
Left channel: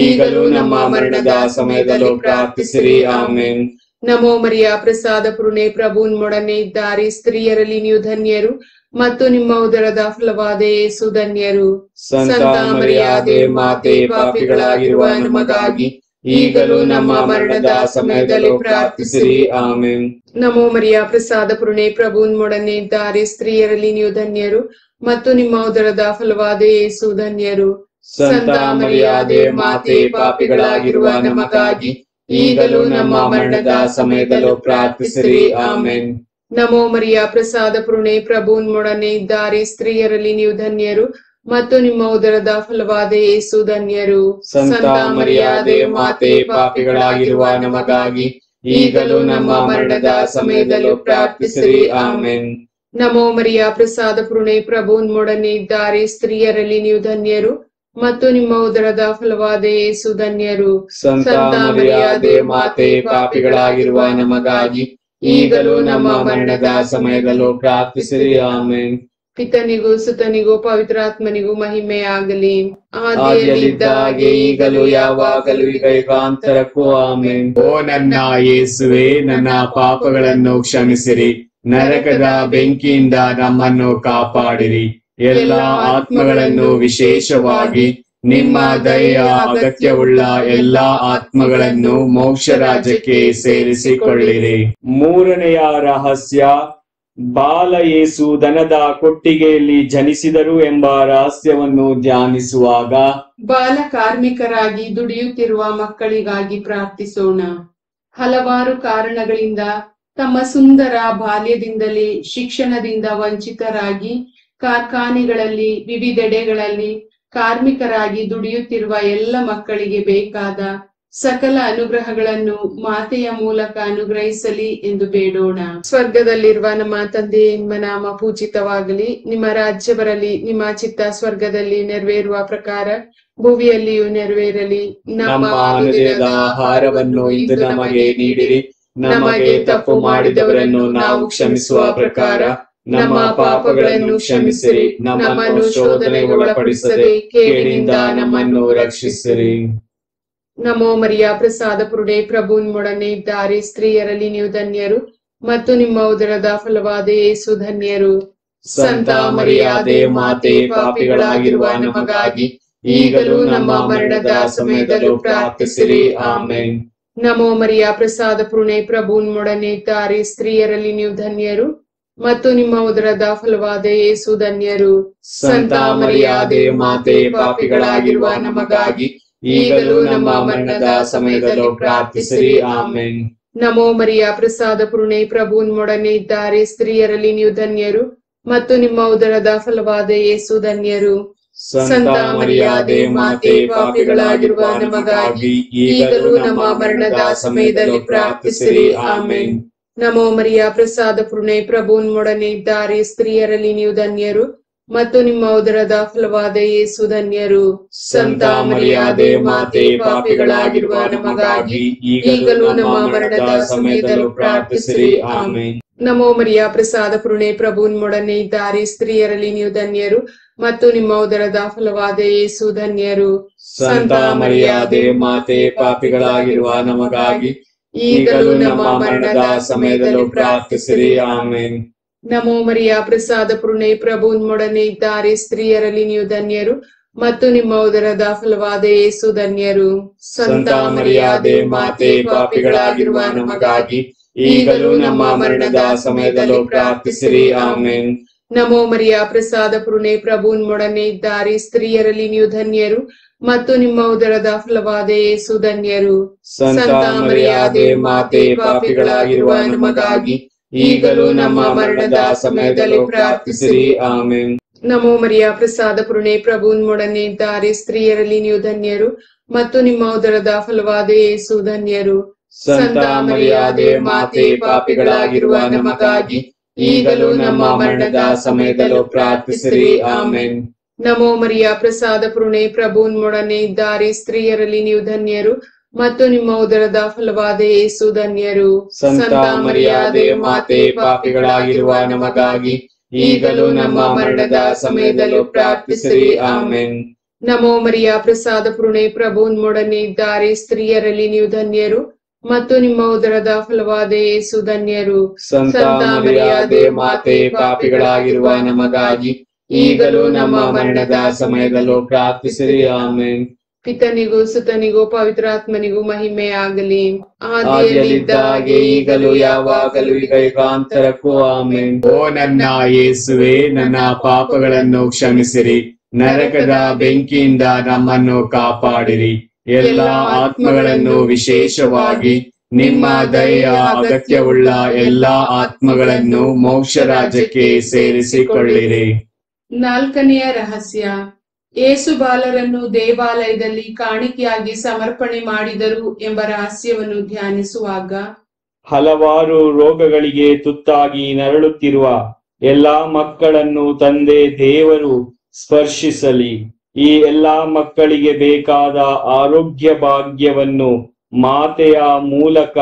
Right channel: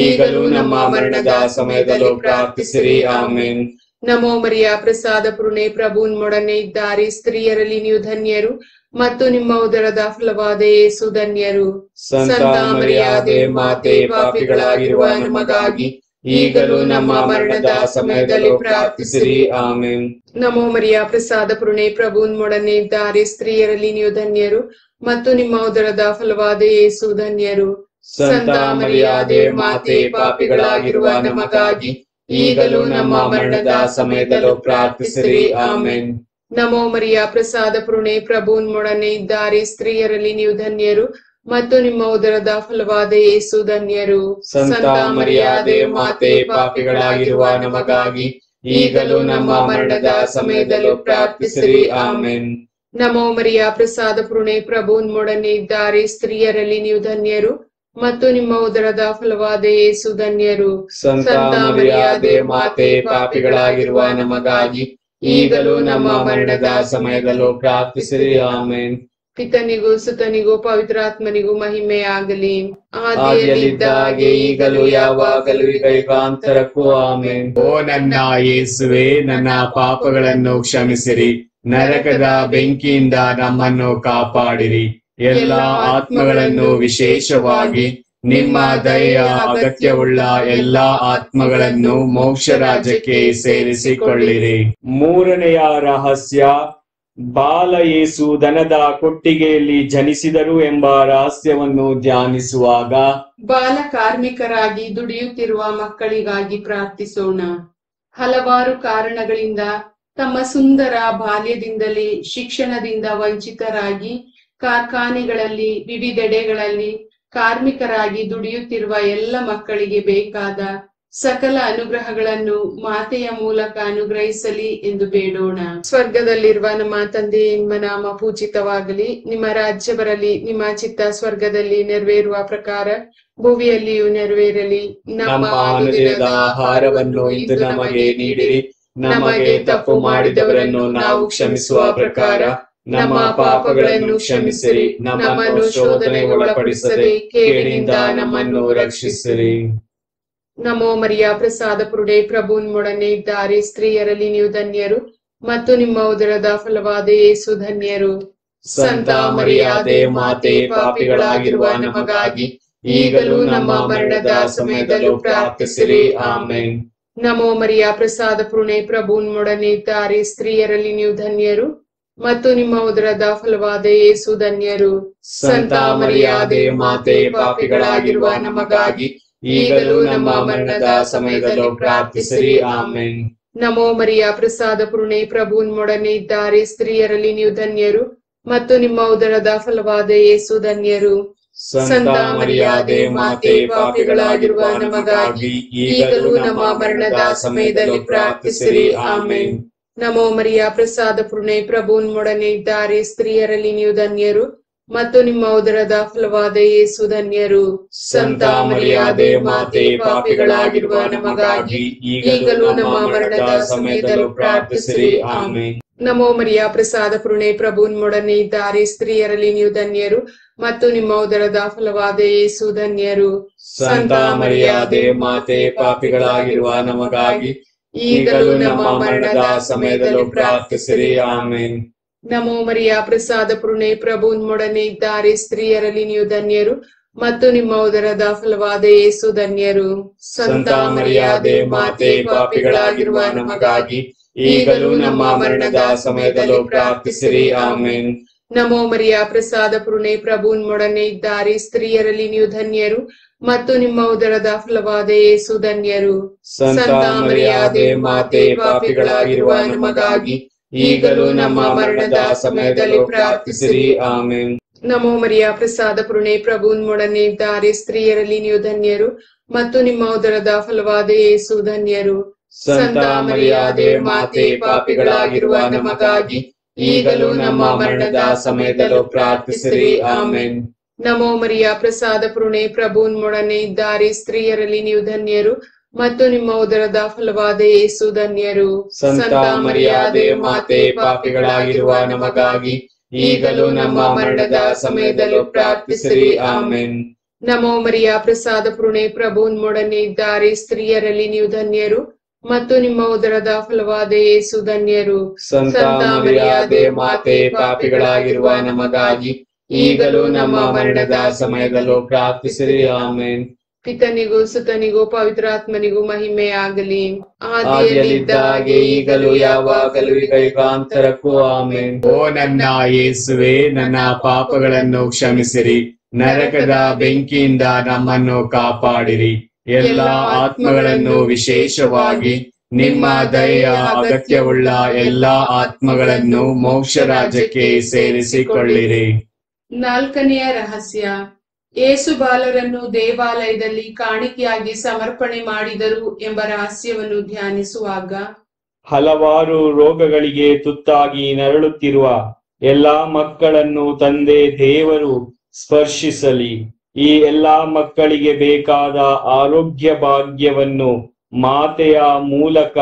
ಈಗಲೂ ನಮ್ಮ ಮರಣದ ಸಮಯದಲ್ಲೂ ಪ್ರಾರ್ಥಿಸಿರಿ. ಆಮೆನ್. ನಮೋ ಮರಿಯ ಪ್ರಸಾದ ಪುರುಣೆ ಪ್ರಭು ನಿಮ್ಮೊಡನೆ ಇದ್ದಾರೆ, ಸ್ತ್ರೀಯರಲ್ಲಿ ನೀವು ಧನ್ಯರು ಮತ್ತು ನಿಮ್ಮ ಉದರದ ಫಲವಾದ ಯೇಸು ಧನ್ಯರು. ಸಂತ ಮರಿಯಾದೆ ಮಾತೆ, ಪಾಪಿಗಳಾಗಿರುವ ನಮಗಾಗಿ ಈಗಲೂ ನಮ್ಮ ಮರಣದ ಸಮಯದಲ್ಲೂ ಪ್ರಾರ್ಥಿಸಿರಿ. ಆಮೆನ್. ನಮೋ ಮರಿಯ ಪ್ರಸಾದ ಪುರುಣೆ ಪ್ರಭು ನಿಮ್ಮೊಡನೆ ಇದ್ದಾರೆ, ಸ್ತ್ರೀಯರಲ್ಲಿ ನೀವು ಧನ್ಯರು ಮತ್ತು ನಿಮ್ಮ ಉದರದ ಫಲವಾದ ಯೇಸು ಧನ್ಯರು. ಸಂತ ಮರಿಯಾದೆ ಮಾತೆ, ಪಾಪಿಗಳಾಗಿರುವ ನಮಗಾಗಿ ಈಗಲೂ ನಮ್ಮ ಮರಣದ ಸಮಯದಲ್ಲೂ ಪ್ರಾರ್ಥಿಸಿರಿ. ಆಮೆನ್. ನಮೋ ಮರಿಯ ಪ್ರಸಾದ ಪುರುಣೆ ಪ್ರಭು ನಿಮ್ಮೊಡನೆ ಇದ್ದಾರೆ, ಸ್ತ್ರೀಯರಲ್ಲಿ ನೀವು ಧನ್ಯರು ಮತ್ತು ನಿಮ್ಮ ಉದರದ ಫಲವಾದ ಯೇಸು ಧನ್ಯರು. ಸಂತ ಮರಿಯಾದೆ ಮಾತೆ, ಪಾಪಿಗಳಾಗಿರುವ ನಮಗಾಗಿ ಈಗಲೂ ನಮ್ಮ ಮರಣದ ಸಮಯದಲ್ಲೂ ಪ್ರಾರ್ಥಿಸಿರಿ. ಆಮೆನ್. ನಮೋ ಮರಿಯ ಪ್ರಸಾದ ಪುರುಣೆ ಪ್ರಭು ನಿಮ್ಮೊಡನೆ ಇದ್ದಾರೆ, ಸ್ತ್ರೀಯರಲ್ಲಿ ನೀವು ಧನ್ಯರು ಮತ್ತು ನಿಮ್ಮ ಉದರದ ಫಲವಾದ ಯೇಸು ಧನ್ಯರು. ಸಂತ ಮರಿಯಾದೆ ಮಾತೆ, ಪಾಪಿಗಳಾಗಿರುವ ನಮಗಾಗಿ ಈಗಲೂ ನಮ್ಮ ಮರಣದ ಸಮಯದಲ್ಲೂ ಪ್ರಾರ್ಥಿಸಿರಿ. ಆಮೆನ್. ಪಿತನಿಗೂ ಸುತನಿಗೂ ಪವಿತ್ರಾತ್ಮನಿಗೂ ಮಹಿಮೆ ಆಗಲಿ. ಆದಿಯಲ್ಲಿದ್ದ ಹಾಗೆ ಈಗಲೂ ಯಾವಾಗಲೂ ಈಗ ಯುಗಾಂತರಕ್ಕೂ. ಆಮೆನ್. ಓ ನನ್ನ ಯೇಸುವೆ, ನನ್ನ ಪಾಪಗಳನ್ನು ಕ್ಷಮಿಸಿರಿ, ನರಕದ ಬೆಂಕಿಯಿಂದ ನಮ್ಮನ್ನು ಕಾಪಾಡಿರಿ. ಎಲ್ಲ ಆತ್ಮಗಳನ್ನು, ವಿಶೇಷವಾಗಿ ನಿಮ್ಮ ದಯೆಯ ಅಗತ್ಯವುಳ್ಳ ಎಲ್ಲಾ ಆತ್ಮಗಳನ್ನು ಮೋಕ್ಷ ರಾಜ್ಯಕ್ಕೆ ಸೇರಿಸಿಕೊಳ್ಳಿರಿ. ಮೂರನೆಯ ರಹಸ್ಯ, ಬಾಲ ಯೇಸು ದನದ ಕೊಟ್ಟಿಗೆಯಲ್ಲಿ ಜನಿಸಿದರು ಎಂಬ ರಹಸ್ಯವನ್ನು ಧ್ಯಾನಿಸುವಾಗ ಬಾಲ ಕಾರ್ಮಿಕರಾಗಿ ದುಡಿಯುತ್ತಿರುವ ಮಕ್ಕಳಿಗಾಗಿ ಪ್ರಾರ್ಥಿಸೋಣ. ಹಲವಾರು ಕಾರಣಗಳಿಂದ ತಮ್ಮ ಸುಂದರ ಬಾಲ್ಯದಿಂದಲೇ ಶಿಕ್ಷಣದಿಂದ ವಂಚಿತರಾಗಿ ಕಾರ್ಖಾನೆಗಳಲ್ಲಿ ವಿವಿಧೆಡೆಗಳಲ್ಲಿ ಕಾರ್ಮಿಕರಾಗಿ ದುಡಿಯುತ್ತಿರುವ ಎಲ್ಲ ಮಕ್ಕಳಿಗೆ ಬೇಕಾದ ಸಕಲ ಅನುಗ್ರಹಗಳನ್ನು ಮಾತೆಯ ಮೂಲಕ ಅನುಗ್ರಹಿಸಲಿ ಎಂದು ಬೇಡೋಣ. ಸ್ವರ್ಗದಲ್ಲಿರುವ ನಮ್ಮ ತಂದೆ, ನಿಮ್ಮ ನಾಮ ಪೂಜಿತವಾಗಲಿ, ನಿಮ್ಮ ರಾಜ್ಯ ಬರಲಿ, ನಿಮ್ಮ ಚಿತ್ತ ಸ್ವರ್ಗದಲ್ಲಿ ನೆರವೇರುವ ಪ್ರಕಾರ ಭೂಮಿಯಲ್ಲಿಯೂ ನೆರವೇರಲಿ. ನಮ್ಮ ಅನುದಿನದ ಆಹಾರವನ್ನು ಇಂದು ನಮಗೆ ನೀಡಿರಿ. ನಮಗೆ ತಪ್ಪು ಮಾಡಿದವರನ್ನು ನಾವು ಕ್ಷಮಿಸುವ ಪ್ರಕಾರ ನಮ್ಮ ಪಾಪಗಳನ್ನು ಕ್ಷಮಿಸಿರಿ. ನಮ್ಮನ್ನು ಶೋಧನೆಗೆ ಒಳಪಡಿಸದೆ ಕೇಡಿನಿಂದ ನಮ್ಮನ್ನು ರಕ್ಷಿಸಿರಿ. ನಮೋ ಮರಿಯ ಪ್ರಸಾದ ಪುರುಡೆ ಪ್ರಭು ನಿಮ್ಮೊಡನೆ ಇದ್ದಾರೆ, ಸ್ತ್ರೀಯರಲ್ಲಿ ನೀವು ಧನ್ಯರು ಮತ್ತು ನಿಮ್ಮ ಉದರದ ಫಲವಾದ ಯೇಸು ಧನ್ಯರು. ಸಂತ ಮರಿಯಾದೆ ಮಾತೆ, ಪಾಪಿಗಳಾಗಿರುವ ನಮಗಾಗಿ ಈಗಲೂ ನಮ್ಮ ಮರಣದ ಸಮಯದಲ್ಲೂ ಪ್ರಾರ್ಥಿಸಿರಿ. ಆಮೆನ್. ನಮೋ ಮರಿಯ ಪ್ರಸಾದ ಪುರುಣೆ ಪ್ರಭು ನಿಮ್ಮೊಡನೆ ಇದ್ದಾರೆ, ಸ್ತ್ರೀಯರಲ್ಲಿ ನೀವು ಧನ್ಯರು ಮತ್ತು ನಿಮ್ಮ ಉದರದ ಫಲವಾದ ಯೇಸು ಧನ್ಯರು. ಸಂತ ಮರಿಯಾದೆ ಮಾತೆ, ಪಾಪಿಗಳಾಗಿರುವ ನಮಗಾಗಿ ಈಗಲೂ ನಮ್ಮ ಮರಣದ ಸಮಯದಲ್ಲೂ ಪ್ರಾರ್ಥಿಸಿರಿ. ಆಮೆನ್. ನಮೋ ಮರಿಯ ಪ್ರಸಾದ ಪುರುಣೆ ಪ್ರಭು ನಿಮ್ಮೊಡನೆ ಇದ್ದಾರೆ, ಸ್ತ್ರೀಯರಲ್ಲಿ ನೀವು ಧನ್ಯರು ಮತ್ತು ನಿಮ್ಮ ಉದರದ ಫಲವಾದ ಯೇಸು ಧನ್ಯರು. ಸಂತ ಮರಿಯಾದೆ ಮಾತೆ, ಪಾಪಿಗಳಾಗಿರುವ ನಮಗಾಗಿ ಈಗಲೂ ನಮ್ಮ ಮರಣದ ಸಮಯದಲ್ಲಿ ಪ್ರಾರ್ಥಿಸಿರಿ. ಆಮೇನ್. ನಮೋ ಮರಿಯ ಪ್ರಸಾದ ಪೂರ್ಣೆ, ಪ್ರಭು ನಿಮ್ಮೊಡನೆ ಇದ್ದಾರೆ. ಸ್ತ್ರೀಯರಲ್ಲಿ ನೀವು ಧನ್ಯರು ಮತ್ತು ನಿಮ್ಮ ಉದರದ ಫಲವಾದ ಯೇಸು ಧನ್ಯರು. ಸಂತ ಮರಿಯಾದೆ ಮಾತೆ, ಪಾಪಿಗಳಾಗಿರುವ ನಮಗಾಗಿ ಈಗಲೂ ನಮ್ಮ ಮರಣದ ಸಮಯದಲ್ಲೂ ಪ್ರಾರ್ಥಿಸಿರಿ. ಆಮೇನ್. ನಮೋ ಮರಿಯ ಪ್ರಸಾದ ಪೂರ್ಣೆ, ಪ್ರಭು ನಿಮ್ಮೊಡನೆ ಇದ್ದಾರೆ. ಸ್ತ್ರೀಯರಲ್ಲಿ ನೀವು ಧನ್ಯರು ಮತ್ತು ನಿಮ್ಮ ಉದರದ ಫಲವಾದ ಯೇಸು ಧನ್ಯರು. ಸಂತ ಮರಿಯಾದೆ ಮಾತೆ, ಪಾಪಿಗಳಾಗಿರುವ ನಮಗಾಗಿ ಈಗಲೂ ನಮ್ಮ ಮರಣದ ಸಮಯದಲ್ಲೂ ಪ್ರಾರ್ಥಿಸಿರಿ. ಆಮೇನ್. ನಮೋ ಮರಿಯ ಪ್ರಸಾದ ಪೂರ್ಣೆ, ಪ್ರಭು ನಿಮ್ಮೊಡನೆ ಇದ್ದಾರೆ. ಸ್ತ್ರೀಯರಲ್ಲಿ ನೀವು ಧನ್ಯರು ಮತ್ತು ನಿಮ್ಮ ಉದರದ ಫಲವಾದ ಯೇಸು ಧನ್ಯರು. ಸಂತ ಮರಿಯಾದೆ ಮಾತೆ, ಪಾಪಿಗಳಾಗಿರುವ ನಮಗಾಗಿ ಈಗಲೂ ನಮ್ಮ ಮರಣದ ಸಮಯದಲ್ಲೂ ಪ್ರಾರ್ಥಿಸಿರಿ. ಆಮೇನ್. ನಮೋ ಮರಿಯ ಪ್ರಸಾದ ಪೂರ್ಣೆ, ಪ್ರಭು ನಿಮ್ಮೊಡನೆ ಇದ್ದಾರೆ. ಸ್ತ್ರೀಯರಲ್ಲಿ ನೀವು ಧನ್ಯರು ಮತ್ತು ನಿಮ್ಮ ಉದರದ ಫಲವಾದ ಯೇಸು ಧನ್ಯರು. ಸಂತ ಮರಿಯಾದೆ ಮಾತೆ, ಪಾಪಿಗಳಾಗಿರುವ ನಮಗಾಗಿ ಈಗಲೂ ನಮ್ಮ ಮರಣದ ಸಮಯದಲ್ಲೂ ಪ್ರಾರ್ಥಿಸಿರಿ. ಆಮೇನ್. ನಮೋ ಮರಿಯ ಪ್ರಸಾದ ಪೂರ್ಣೆ, ಪ್ರಭು ನಿಮ್ಮೊಡನೆ ಇದ್ದಾರೆ. ಸ್ತ್ರೀಯರಲ್ಲಿ ನೀವು ಧನ್ಯರು ಮತ್ತು ನಿಮ್ಮ ಉದರದ ಫಲವಾದ ಯೇಸು ಧನ್ಯರು. ಸಂತ ಮರಿಯಾದೆ ಮಾತೆ, ಪಾಪಿಗಳಾಗಿರುವ ನಮಗಾಗಿ ಈಗಲೂ ನಮ್ಮ ಮರಣದ ಸಮಯದಲ್ಲೂ ಪ್ರಾರ್ಥಿಸಿರಿ. ಆಮೇನ್. ನಮೋ ಮರಿಯ ಪ್ರಸಾದ ಪೂರ್ಣೆ, ಪ್ರಭು ನಿಮ್ಮೊಡನೆ ಇದ್ದಾರೆ. ಸ್ತ್ರೀಯರಲ್ಲಿ ನೀವು ಧನ್ಯರು ಮತ್ತು ನಿಮ್ಮ ಉದರದ ಫಲವಾದ ಯೇಸು ಧನ್ಯರು. ಸಂತ ಮರಿಯಾದೆ ಮಾತೆ, ಪಾಪಿಗಳಾಗಿರುವ ನಮಗಾಗಿ ಈಗಲೂ ನಮ್ಮ ಮರಣದ ಸಮಯದಲ್ಲೂ ಪ್ರಾರ್ಥಿಸಿರಿ. ಆಮೇನ್. ನಮೋ ಮರಿಯ ಪ್ರಸಾದ ಪೂರ್ಣೆ, ಪ್ರಭು ನಿಮ್ಮೊಡನೆ ಇದ್ದಾರೆ. ಸ್ತ್ರೀಯರಲ್ಲಿ ನೀವು ಧನ್ಯರು ಮತ್ತು ನಿಮ್ಮ ಉದರದ ಫಲವಾದ ಯೇಸು ಧನ್ಯರು. ಸಂತ ಮರಿಯಾದೆ ಮಾತೆ, ಪಾಪಿಗಳಾಗಿರುವ ನಮಗಾಗಿ ಈಗಲೂ ನಮ್ಮ ಮರಣದ ಸಮಯದಲ್ಲೂ ಪ್ರಾರ್ಥಿಸಿರಿ. ಆಮೇನ್. ಪಿತನಿಗೂ ಸುತನಿಗೂ ಪವಿತ್ರಾತ್ಮನಿಗೂ ಮಹಿಮೆ ಆಗಲಿ. ಆದಿಯಲ್ಲಿದ್ದಾಗೆ ಈಗಲೂ ಯಾವಾಗಲೂ ಈಗ ಯುಗಾಂತರಕ್ಕೂ. ಆಮೇನ್. ಓ ನನ್ನ ಯೇಸುವೆ, ನನ್ನ ಪಾಪಗಳನ್ನು ಕ್ಷಮಿಸಿರಿ, ನರಕದ ಬೆಂಕಿಯಿಂದ ನಮ್ಮನ್ನು ಕಾಪಾಡಿರಿ. ಎಲ್ಲ ಆತ್ಮಗಳನ್ನು, ವಿಶೇಷವಾಗಿ ನಿಮ್ಮ ದಯೆಯ ಅಗತ್ಯವುಳ್ಳ ಎಲ್ಲಾ ಆತ್ಮಗಳನ್ನು ಮೋಕ್ಷ ರಾಜ್ಯಕ್ಕೆ ಸೇರಿಸಿಕೊಳ್ಳಿರಿ. 4ನೆಯ ರಹಸ್ಯ, ಯೇಸು ಬಾಲರನ್ನು ದೇವಾಲಯದಲ್ಲಿ ಕಾಣಿಕೆಯಾಗಿ ಸಮರ್ಪಣೆ ಮಾಡಿದರು ಎಂಬ ರಹಸ್ಯವನ್ನು ಧ್ಯಾನಿಸುವಾಗ ಹಲವಾರು ರೋಗಗಳಿಗೆ ತುತ್ತಾಗಿ ನರಳುತ್ತಿರುವ ಎಲ್ಲಾ ಮಕ್ಕಳನ್ನು ತಂದೆ ದೇವರು ಸ್ಪರ್ಶಿಸಲಿ. ಈ ಎಲ್ಲಾ ಮಕ್ಕಳಿಗೆ ಬೇಕಾದ ಆರೋಗ್ಯ ಭಾಗ್ಯವನ್ನು ಮಾತೆಯ ಮೂಲಕ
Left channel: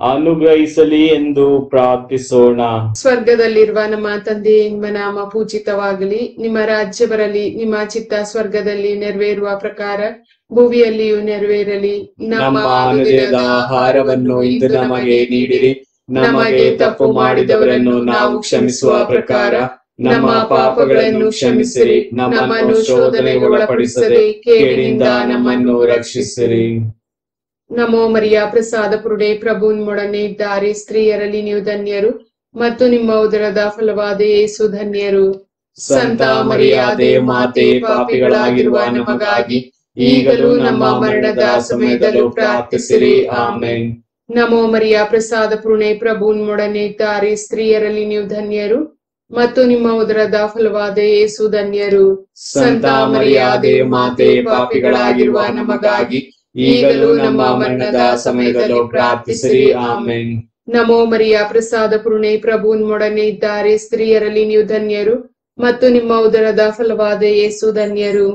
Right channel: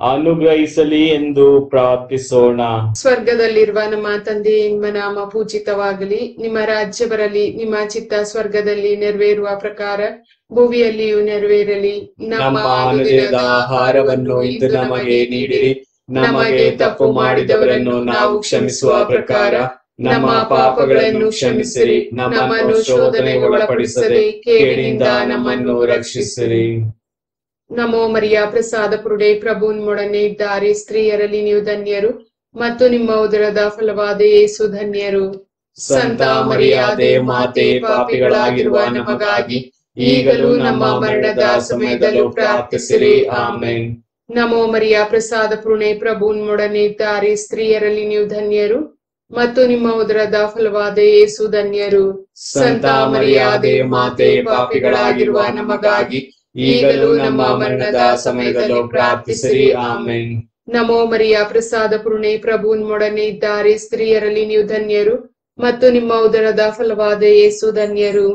ಅನುಗ್ರಹಿಸಲಿ ಎಂದು ಪ್ರಾರ್ಥಿಸೋಣ. ಸ್ವರ್ಗದಲ್ಲಿರುವ ನಮ್ಮ ತಂದೆ, ನಿಮ್ಮ ನಾಮ ಪೂಜಿತವಾಗಲಿ. ನಿಮ್ಮ ರಾಜ್ಯ ಬರಲಿ. ನಿಮ್ಮ ಚಿತ್ತ ಸ್ವರ್ಗದಲ್ಲಿ ನೆರವೇರುವ ಪ್ರಕಾರ ಭೂಮಿಯಲ್ಲಿಯೂ ನೆರವೇರಲಿ. ನಮ್ಮ ಅನುದಿನದ ಆಹಾರವನ್ನು ಇಂದು ನಮಗೆ ನೀಡಿರಿ. ನಮಗೆ ತಪ್ಪು ಮಾಡಿದವರನ್ನು ನಾವು ಕ್ಷಮಿಸುವ ಪ್ರಕಾರ ನಮ್ಮ ಪಾಪಗಳನ್ನು ಕ್ಷಮಿಸಿರಿ. ನಮ್ಮನ್ನು ಶೋಧನೆಗೆ ಒಳಪಡಿಸದೆ ಕೇಡಿನಿಂದ ನಮ್ಮನ್ನು ರಕ್ಷಿಸಿರಿ. ನಮೋ ಮರಿಯ ಪ್ರಸಾದ ಪೂರ್ಣೆ, ಪ್ರಭು ನಿಮ್ಮೊಡನೆ ಇದ್ದಾರೆ. ಸ್ತ್ರೀಯರಲ್ಲಿ ನೀವು ಧನ್ಯರು ಮತ್ತು ನಿಮ್ಮ ಉದರದ ಫಲವಾದ ಯೇಸು ಧನ್ಯರು. ಸಂತ ಮರಿಯಾದೆ ಮಾತೆ, ಪಾಪಿಗಳಾಗಿರುವ ನಮಗಾಗಿ ಈಗಲೂ ನಮ್ಮ ಮರಣದ ಸಮಯದಲ್ಲೂ ಪ್ರಾರ್ಥಿಸಿರಿ. ಆಮೇನ್. ನಮೋ ಮರಿಯ ಪ್ರಸಾದ ಪೂರ್ಣೆ, ಪ್ರಭು ನಿಮ್ಮೊಡನೆ ಇದ್ದಾರೆ. ಸ್ತ್ರೀಯರಲ್ಲಿ ನೀವು ಧನ್ಯರು ಮತ್ತು ನಿಮ್ಮ ಉದರದ ಫಲವಾದ ಯೇಸು ಧನ್ಯರು. ಸಂತ ಮರಿಯಾದೆ ಮಾತೆ, ಪಾಪಿಗಳಾಗಿರುವ ನಮಗಾಗಿ ಈಗಲೂ ನಮ್ಮ ಮರಣದ ಸಮಯದಲ್ಲೂ ಪ್ರಾರ್ಥಿಸಿರಿ. ಆಮೇನ್. ನಮೋ ಮರಿಯ ಪ್ರಸಾದ ಪೂರ್ಣೆ, ಪ್ರಭು ನಿಮ್ಮೊಡನೆ ಇದ್ದಾರೆ. ಸ್ತ್ರೀಯರಲ್ಲಿ ನೀವು ಧನ್ಯರು ಮತ್ತು ನಿಮ್ಮ ಉದರದ ಫಲವಾದ ಯೇಸು ಧನ್ಯರು.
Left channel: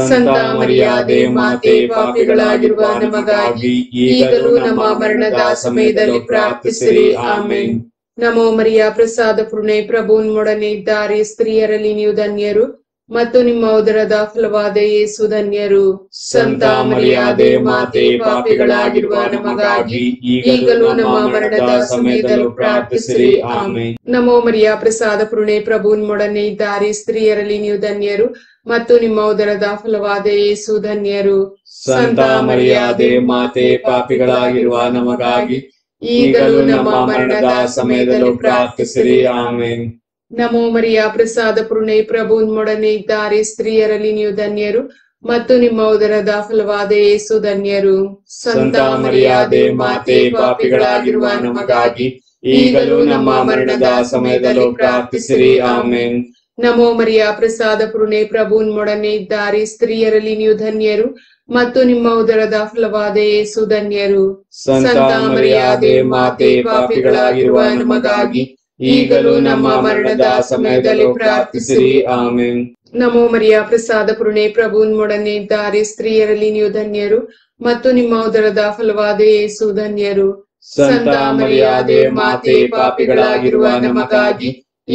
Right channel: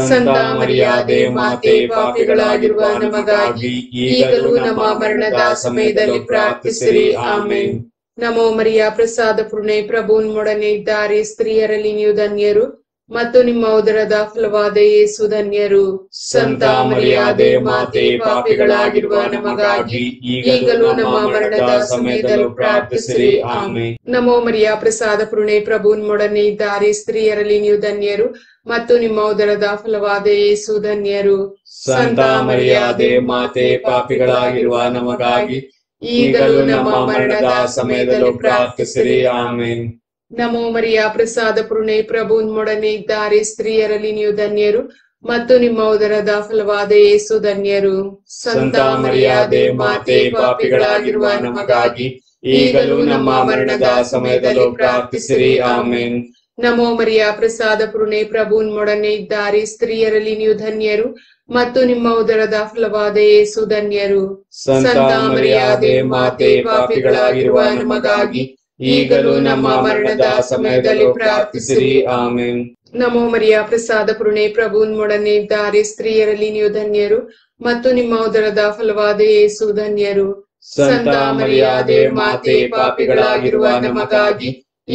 ಸಂತ ಮರಿಯಾದೆ ಮಾತೆ, ಪಾಪಿಗಳಾಗಿರುವ ನಮಗಾಗಿ ಈಗಲೂ ನಮ್ಮ ಮರಣದ ಸಮಯದಲ್ಲಿ ಪ್ರಾರ್ಥಿಸಿರಿ. ಆಮೇನ್. ನಮೋ ಮರಿಯ ಪ್ರಸಾದ ಪೂರ್ಣೆ, ಪ್ರಭು ನಿಮ್ಮೊಡನೆ ಇದ್ದಾರೆ. ಸ್ತ್ರೀಯರಲ್ಲಿ ನೀವು ಧನ್ಯರು ಮತ್ತು ನಿಮ್ಮ ಉದರದ ಫಲವಾದ ಯೇಸು ಧನ್ಯರು. ಸಂತ ಮರಿಯಾದೆ ಮಾತೆ, ಪಾಪಿಗಳಾಗಿರುವ ನಮಗಾಗಿ ಈಗಲೂ ನಮ್ಮ ಮರಣದ ಸಮಯದಲ್ಲೂ ಪ್ರಾರ್ಥಿಸಿರಿ. ಆಮೇನ್. ನಮೋ ಮರಿಯ ಪ್ರಸಾದ ಪೂರ್ಣೆ, ಪ್ರಭು ನಿಮ್ಮೊಡನೆ ಇದ್ದಾರೆ. ಸ್ತ್ರೀಯರಲ್ಲಿ ನೀವು ಧನ್ಯರು ಮತ್ತು ನಿಮ್ಮ ಉದರದ ಫಲವಾದ ಯೇಸು ಧನ್ಯರು. ಸಂತ ಮರಿಯಾದೆ ಮಾತೆ, ಪಾಪಿಗಳಾಗಿರುವ ನಮಗಾಗಿ ಈಗಲೂ ನಮ್ಮ ಮರಣದ ಸಮಯದಲ್ಲೂ ಪ್ರಾರ್ಥಿಸಿರಿ. ಆಮೇನ್. ನಮೋ ಮರಿಯ ಪ್ರಸಾದ ಪೂರ್ಣೆ, ಪ್ರಭು ನಿಮ್ಮೊಡನೆ ಇದ್ದಾರೆ. ಸ್ತ್ರೀಯರಲ್ಲಿ ನೀವು ಧನ್ಯರು ಮತ್ತು ನಿಮ್ಮ ಉದರದ ಫಲವಾದ ಯೇಸು ಧನ್ಯರು. ಸಂತ ಮರಿಯಾದೆ ಮಾತೆ, ಪಾಪಿಗಳಾಗಿರುವ ನಮಗಾಗಿ ಈಗಲೂ ನಮ್ಮ ಮರಣದ ಸಮಯದಲ್ಲೂ ಪ್ರಾರ್ಥಿಸಿರಿ. ಆಮೇನ್. ನಮೋ ಮರಿಯ ಪ್ರಸಾದ ಪೂರ್ಣೆ ಪ್ರಭು ನಿಮ್ಮೊಡನೆ ಇದ್ದಾರೆ, ಸ್ತ್ರೀಯರಲ್ಲಿ ನೀವು ಧನ್ಯರು ಮತ್ತು ನಿಮ್ಮ ಉದರದ ಫಲವಾದ ಯೇಸು ಧನ್ಯರು. ಸಂತ ಮರಿಯಾದೆ ಮಾತೆ, ಪಾಪಿಗಳಾಗಿರುವ ನಮಗಾಗಿ ಈಗಲೂ ನಮ್ಮ ಮರಣದ ಸಮಯದಲ್ಲೂ ಪ್ರಾರ್ಥಿಸಿರಿ. ಆಮೆನ್. ನಮೋ ಮರಿಯ ಪ್ರಸಾದ ಪೂರ್ಣೆ ಪ್ರಭು ನಿಮ್ಮೊಡನೆ ಇದ್ದಾರೆ, ಸ್ತ್ರೀಯರಲ್ಲಿ ನೀವು ಧನ್ಯರು ಮತ್ತು ನಿಮ್ಮ ಉದರದ ಫಲವಾದ ಯೇಸು ಧನ್ಯರು. ಸಂತ ಮರಿಯಾದೆ ಮಾತೆ, ಪಾಪಿಗಳಾಗಿರುವ ನಮಗಾಗಿ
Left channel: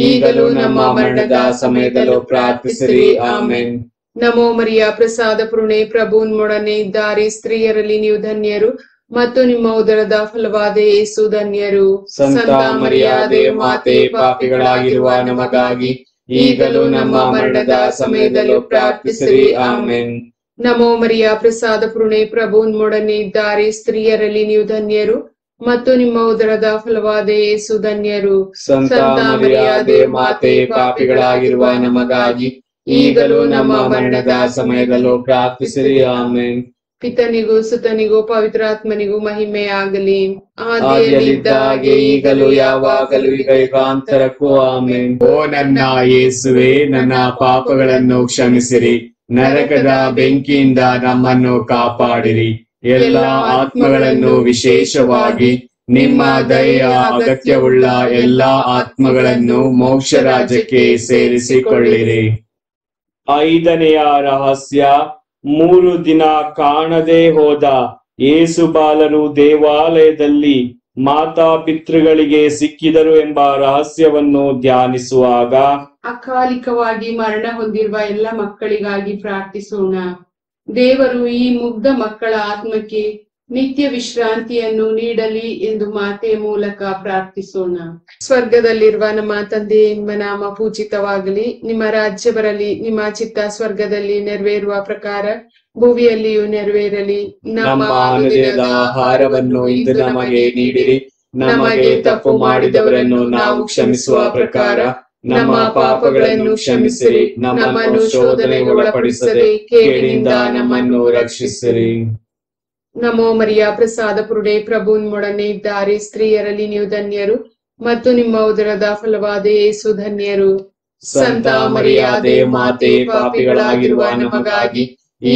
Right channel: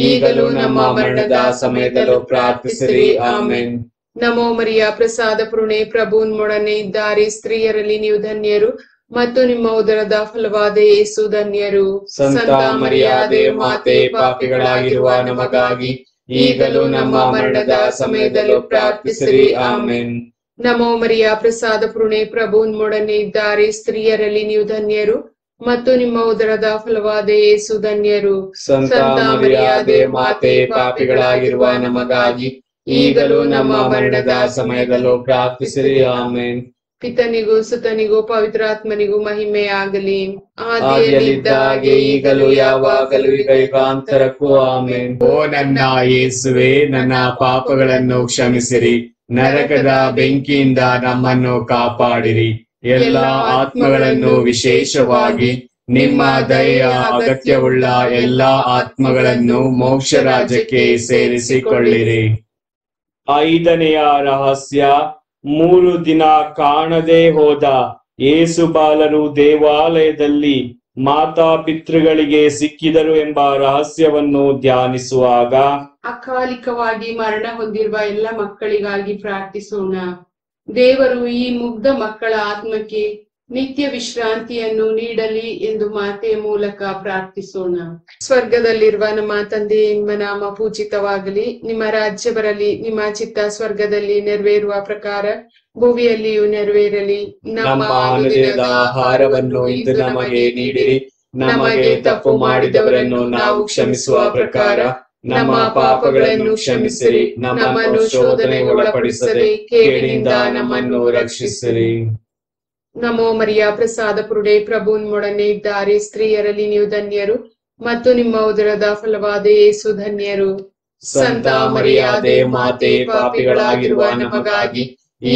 ಈಗಲೂ ನಮ್ಮ ಮರಣದ ಸಮಯದಲ್ಲೂ ಪ್ರಾರ್ಥಿಸಿರಿ. ಆಮೆನ್. ನಮೋ ಮರಿಯ ಪ್ರಸಾದ ಪೂರ್ಣೆ ಪ್ರಭು ನಿಮ್ಮೊಡನೆ ಇದ್ದಾರೆ, ಸ್ತ್ರೀಯರಲ್ಲಿ ನೀವು ಧನ್ಯರು ಮತ್ತು ನಿಮ್ಮ ಉದರದ ಫಲವಾದ ಯೇಸು ಧನ್ಯರು. ಸಂತ ಮರಿಯಾದೆ ಮಾತೆ, ಪಾಪಿಗಳಾಗಿರುವ ನಮಗಾಗಿ ಈಗಲೂ ನಮ್ಮ ಮರಣದ ಸಮಯದಲ್ಲೂ ಪ್ರಾರ್ಥಿಸಿರಿ. ಆಮೆನ್. ನಮೋ ಮರಿಯ ಪ್ರಸಾದ ಪೂರ್ಣೆ ಪ್ರಭು ನಿಮ್ಮೊಡನೆ ಇದ್ದಾರೆ, ಸ್ತ್ರೀಯರಲ್ಲಿ ನೀವು ಧನ್ಯರು ಮತ್ತು ನಿಮ್ಮ ಉದರದ ಫಲವಾದ ಯೇಸು ಧನ್ಯರು. ಸಂತ ಮರಿಯಾದೆ ಮಾತೆ, ಪಾಪಿಗಳಾಗಿರುವ ನಮಗಾಗಿ ಈಗಲೂ ನಮ್ಮ ಮರಣದ ಸಮಯದಲ್ಲೂ ಪ್ರಾರ್ಥಿಸಿರಿ. ಆಮೆನ್. ಪಿತನಿಗೂ ಸುತನಿಗೂ ಪವಿತ್ರಾತ್ಮನಿಗೂ ಮಹಿಮೆ ಆಗಲಿ. ಆದಿಯಲ್ಲಿದ್ದ ಹಾಗೆ ಈಗಲೂ ಯಾವಾಗಲೂ ಈಗ ಯುಗಾಂತರಕ್ಕೂ. ಆಮೆನ್. ಓ ನನ್ನ ಯೇಸುವೆ, ನನ್ನ ಪಾಪಗಳನ್ನು ಕ್ಷಮಿಸಿರಿ, ನರಕದ ಬೆಂಕಿಯಿಂದ ನಮ್ಮನ್ನು ಕಾಪಾಡಿರಿ. ಎಲ್ಲ ಆತ್ಮಗಳನ್ನು, ವಿಶೇಷವಾಗಿ ನಿಮ್ಮ ದಯೆಯ ಅಗತ್ಯವುಳ್ಳ ಎಲ್ಲಾ ಆತ್ಮಗಳನ್ನು ಮೋಕ್ಷ ರಾಜ್ಯಕ್ಕೆ ಸೇರಿಸಿಕೊಳ್ಳಿರಿ. 5ನೆಯ ರಹಸ್ಯ, 3 ದಿನ ಕಾಣದೆ ಹೋದ ಯೇಸು ಬಾಲರು ದೇವಾಲಯದಲ್ಲಿ ಮಾತಾ ಪಿತೃಗಳಿಗೆ ಸಿಕ್ಕಿದರು ಎಂಬ ರಹಸ್ಯವನ್ನು ಧ್ಯಾನಿಸುವಾಗ ಅಕಾಲಿಕವಾಗಿ ಮರಣ ಹೊಂದಿರುವ ಎಲ್ಲ ಮಕ್ಕಳಿಗಾಗಿ ಪ್ರಾರ್ಥಿಸೋಣ. ದೇವರು ಈ ಮುಗ್ಧ ಮಕ್ಕಳ ಆತ್ಮಕ್ಕೆ ನಿತ್ಯ ವಿಶ್ರಾಂತಿಯನ್ನು ನೀಡಲಿ ಎಂದು ಮಾತೆಯ ಮೂಲಕ ಪ್ರಾರ್ಥಿಸೋಣ. ಸ್ವರ್ಗದಲ್ಲಿರುವ ನಮ್ಮ ತಂದೆ, ನಿಮ್ಮ ನಾಮ ಪೂಜಿತವಾಗಲಿ, ನಿಮ್ಮ ರಾಜ್ಯ ಬರಲಿ, ನಿಮ್ಮ ಚಿತ್ತ ಸ್ವರ್ಗದಲ್ಲಿ ನೆರವೇರುವ ಪ್ರಕಾರ ಭೂಮಿಯಲ್ಲಿಯೂ ನೆರವೇರಲಿ. ನಮ್ಮ ಅನುದಿನದ ಆಹಾರವನ್ನು ಇಂದು ನಮಗೆ ನೀಡಿರಿ. ನಮಗೆ ತಪ್ಪು ಮಾಡಿದವರನ್ನು ನಾವು ಕ್ಷಮಿಸುವ ಪ್ರಕಾರ ನಮ್ಮ ಪಾಪಗಳನ್ನು ಕ್ಷಮಿಸಿರಿ. ನಮ್ಮನ್ನು ಶೋಧನೆಗೆ ಒಳಪಡಿಸದೆ ಕೇಡಿನಿಂದ ನಮ್ಮನ್ನು ರಕ್ಷಿಸಿರಿ. ನಮೋ ಮರಿಯ ಪ್ರಸಾದ ಪೂರ್ಣೆ ಪ್ರಭು ನಿಮ್ಮೊಡನೆ ಇದ್ದಾರೆ, ಸ್ತ್ರೀಯರಲ್ಲಿ ನೀವು ಧನ್ಯರು ಮತ್ತು ನಿಮ್ಮ ಉದರದ ಫಲವಾದ ಯೇಸು ಧನ್ಯರು. ಸಂತ ಮರಿಯಾದೆ ಮಾತೆ, ಪಾಪಿಗಳಾಗಿರುವ ನಮಗಾಗಿ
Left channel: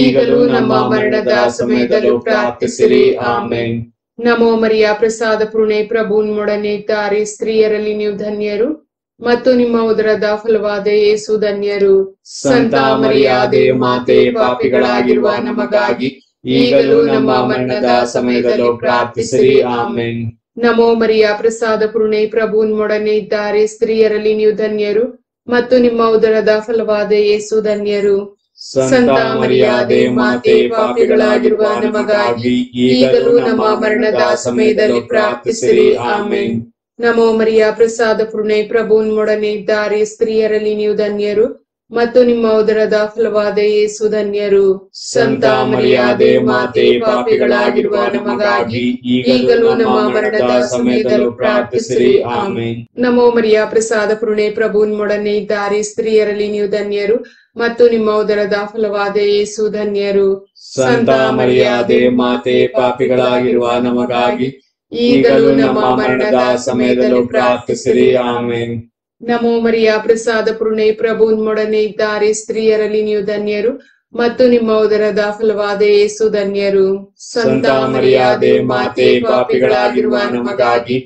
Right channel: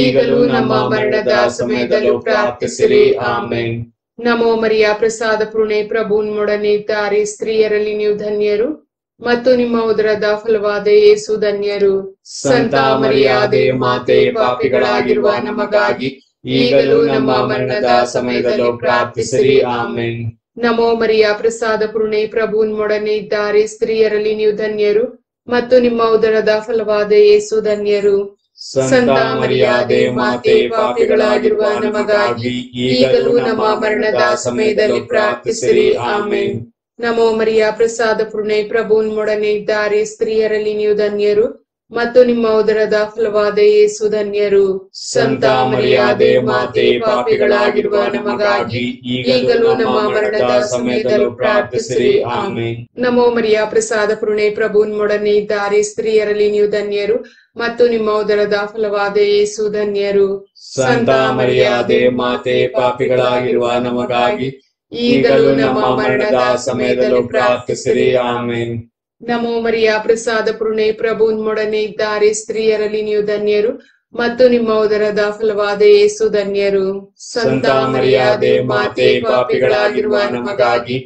ಈಗಲೂ ನಮ್ಮ ಮರಣದ ಸಮಯದಲ್ಲೂ ಪ್ರಾರ್ಥಿಸಿರಿ. ಆಮೆನ್. ನಮೋ ಮರಿಯ ಪ್ರಸಾದ ಪೂರ್ಣೆ ಪ್ರಭು ನಿಮ್ಮೊಡನೆ ಇದ್ದಾರೆ, ಸ್ತ್ರೀಯರಲ್ಲಿ ನೀವು ಧನ್ಯರು ಮತ್ತು ನಿಮ್ಮ ಉದರದ ಫಲವಾದ ಯೇಸು ಧನ್ಯರು. ಸಂತ ಮರಿಯಾದೆ ಮಾತೆ, ಪಾಪಿಗಳಾಗಿರುವ ನಮಗಾಗಿ ಈಗಲೂ ನಮ್ಮ ಮರಣದ ಸಮಯದಲ್ಲೂ ಪ್ರಾರ್ಥಿಸಿರಿ. ಆಮೆನ್. ನಮೋ ಮರಿಯ ಪ್ರಸಾದ ಪೂರ್ಣೆ ಪ್ರಭು ನಿಮ್ಮೊಡನೆ ಇದ್ದಾರೆ, ಸ್ತ್ರೀಯರಲ್ಲಿ ನೀವು ಧನ್ಯರು ಮತ್ತು ನಿಮ್ಮ ಉದರದ ಫಲವಾದ ಯೇಸು ಧನ್ಯರು. ಸಂತ ಮರಿಯಾದೆ ಮಾತೆ, ಪಾಪಿಗಳಾಗಿರುವ ನಮಗಾಗಿ ಈಗಲೂ ನಮ್ಮ ಮರಣದ ಸಮಯದಲ್ಲಿ ಪ್ರಾರ್ಥಿಸಿರಿ. ಆಮೆನ್. ನಮೋ ಮರಿಯ ಪ್ರಸಾದ ಪೂರ್ಣೆ ಪ್ರಭು ನಿಮ್ಮೊಡನೆ ಇದ್ದಾರೆ, ಸ್ತ್ರೀಯರಲ್ಲಿ ನೀವು ಧನ್ಯರು ಮತ್ತು ನಿಮ್ಮ ಉದರದ ಫಲವಾದ ಯೇಸು ಧನ್ಯರು. ಸಂತ ಮರಿಯಾದೆ ಮಾತೆ, ಪಾಪಿಗಳಾಗಿರುವ ನಮಗಾಗಿ ಈಗಲೂ ನಮ್ಮ ಮರಣದ ಸಮಯದಲ್ಲೂ ಪ್ರಾರ್ಥಿಸಿರಿ. ಆಮೆನ್. ನಮೋ ಮರಿಯ ಪ್ರಸಾದ ಪೂರ್ಣೆ ಪ್ರಭು ನಿಮ್ಮೊಡನೆ ಇದ್ದಾರೆ, ಸ್ತ್ರೀಯರಲ್ಲಿ ನೀವು ಧನ್ಯರು ಮತ್ತು ನಿಮ್ಮ ಉದರದ ಫಲವಾದ ಯೇಸು ಧನ್ಯರು. ಸಂತ ಮರಿಯಾದೆ ಮಾತೆ, ಪಾಪಿಗಳಾಗಿರುವ ನಮಗಾಗಿ ಈಗಲೂ ನಮ್ಮ ಮರಣದ ಸಮಯದಲ್ಲೂ ಪ್ರಾರ್ಥಿಸಿರಿ. ಆಮೆನ್. ನಮೋ ಮರಿಯ ಪ್ರಸಾದ ಪೂರ್ಣೆ ಪ್ರಭು ನಿಮ್ಮೊಡನೆ ಇದ್ದಾರೆ, ಸ್ತ್ರೀಯರಲ್ಲಿ ನೀವು ಧನ್ಯರು ಮತ್ತು ನಿಮ್ಮ ಉದರದ ಫಲವಾದ ಯೇಸು ಧನ್ಯರು. ಸಂತ ಮರಿಯಾದೆ ಮಾತೆ, ಪಾಪಿಗಳಾಗಿರುವ ನಮಗಾಗಿ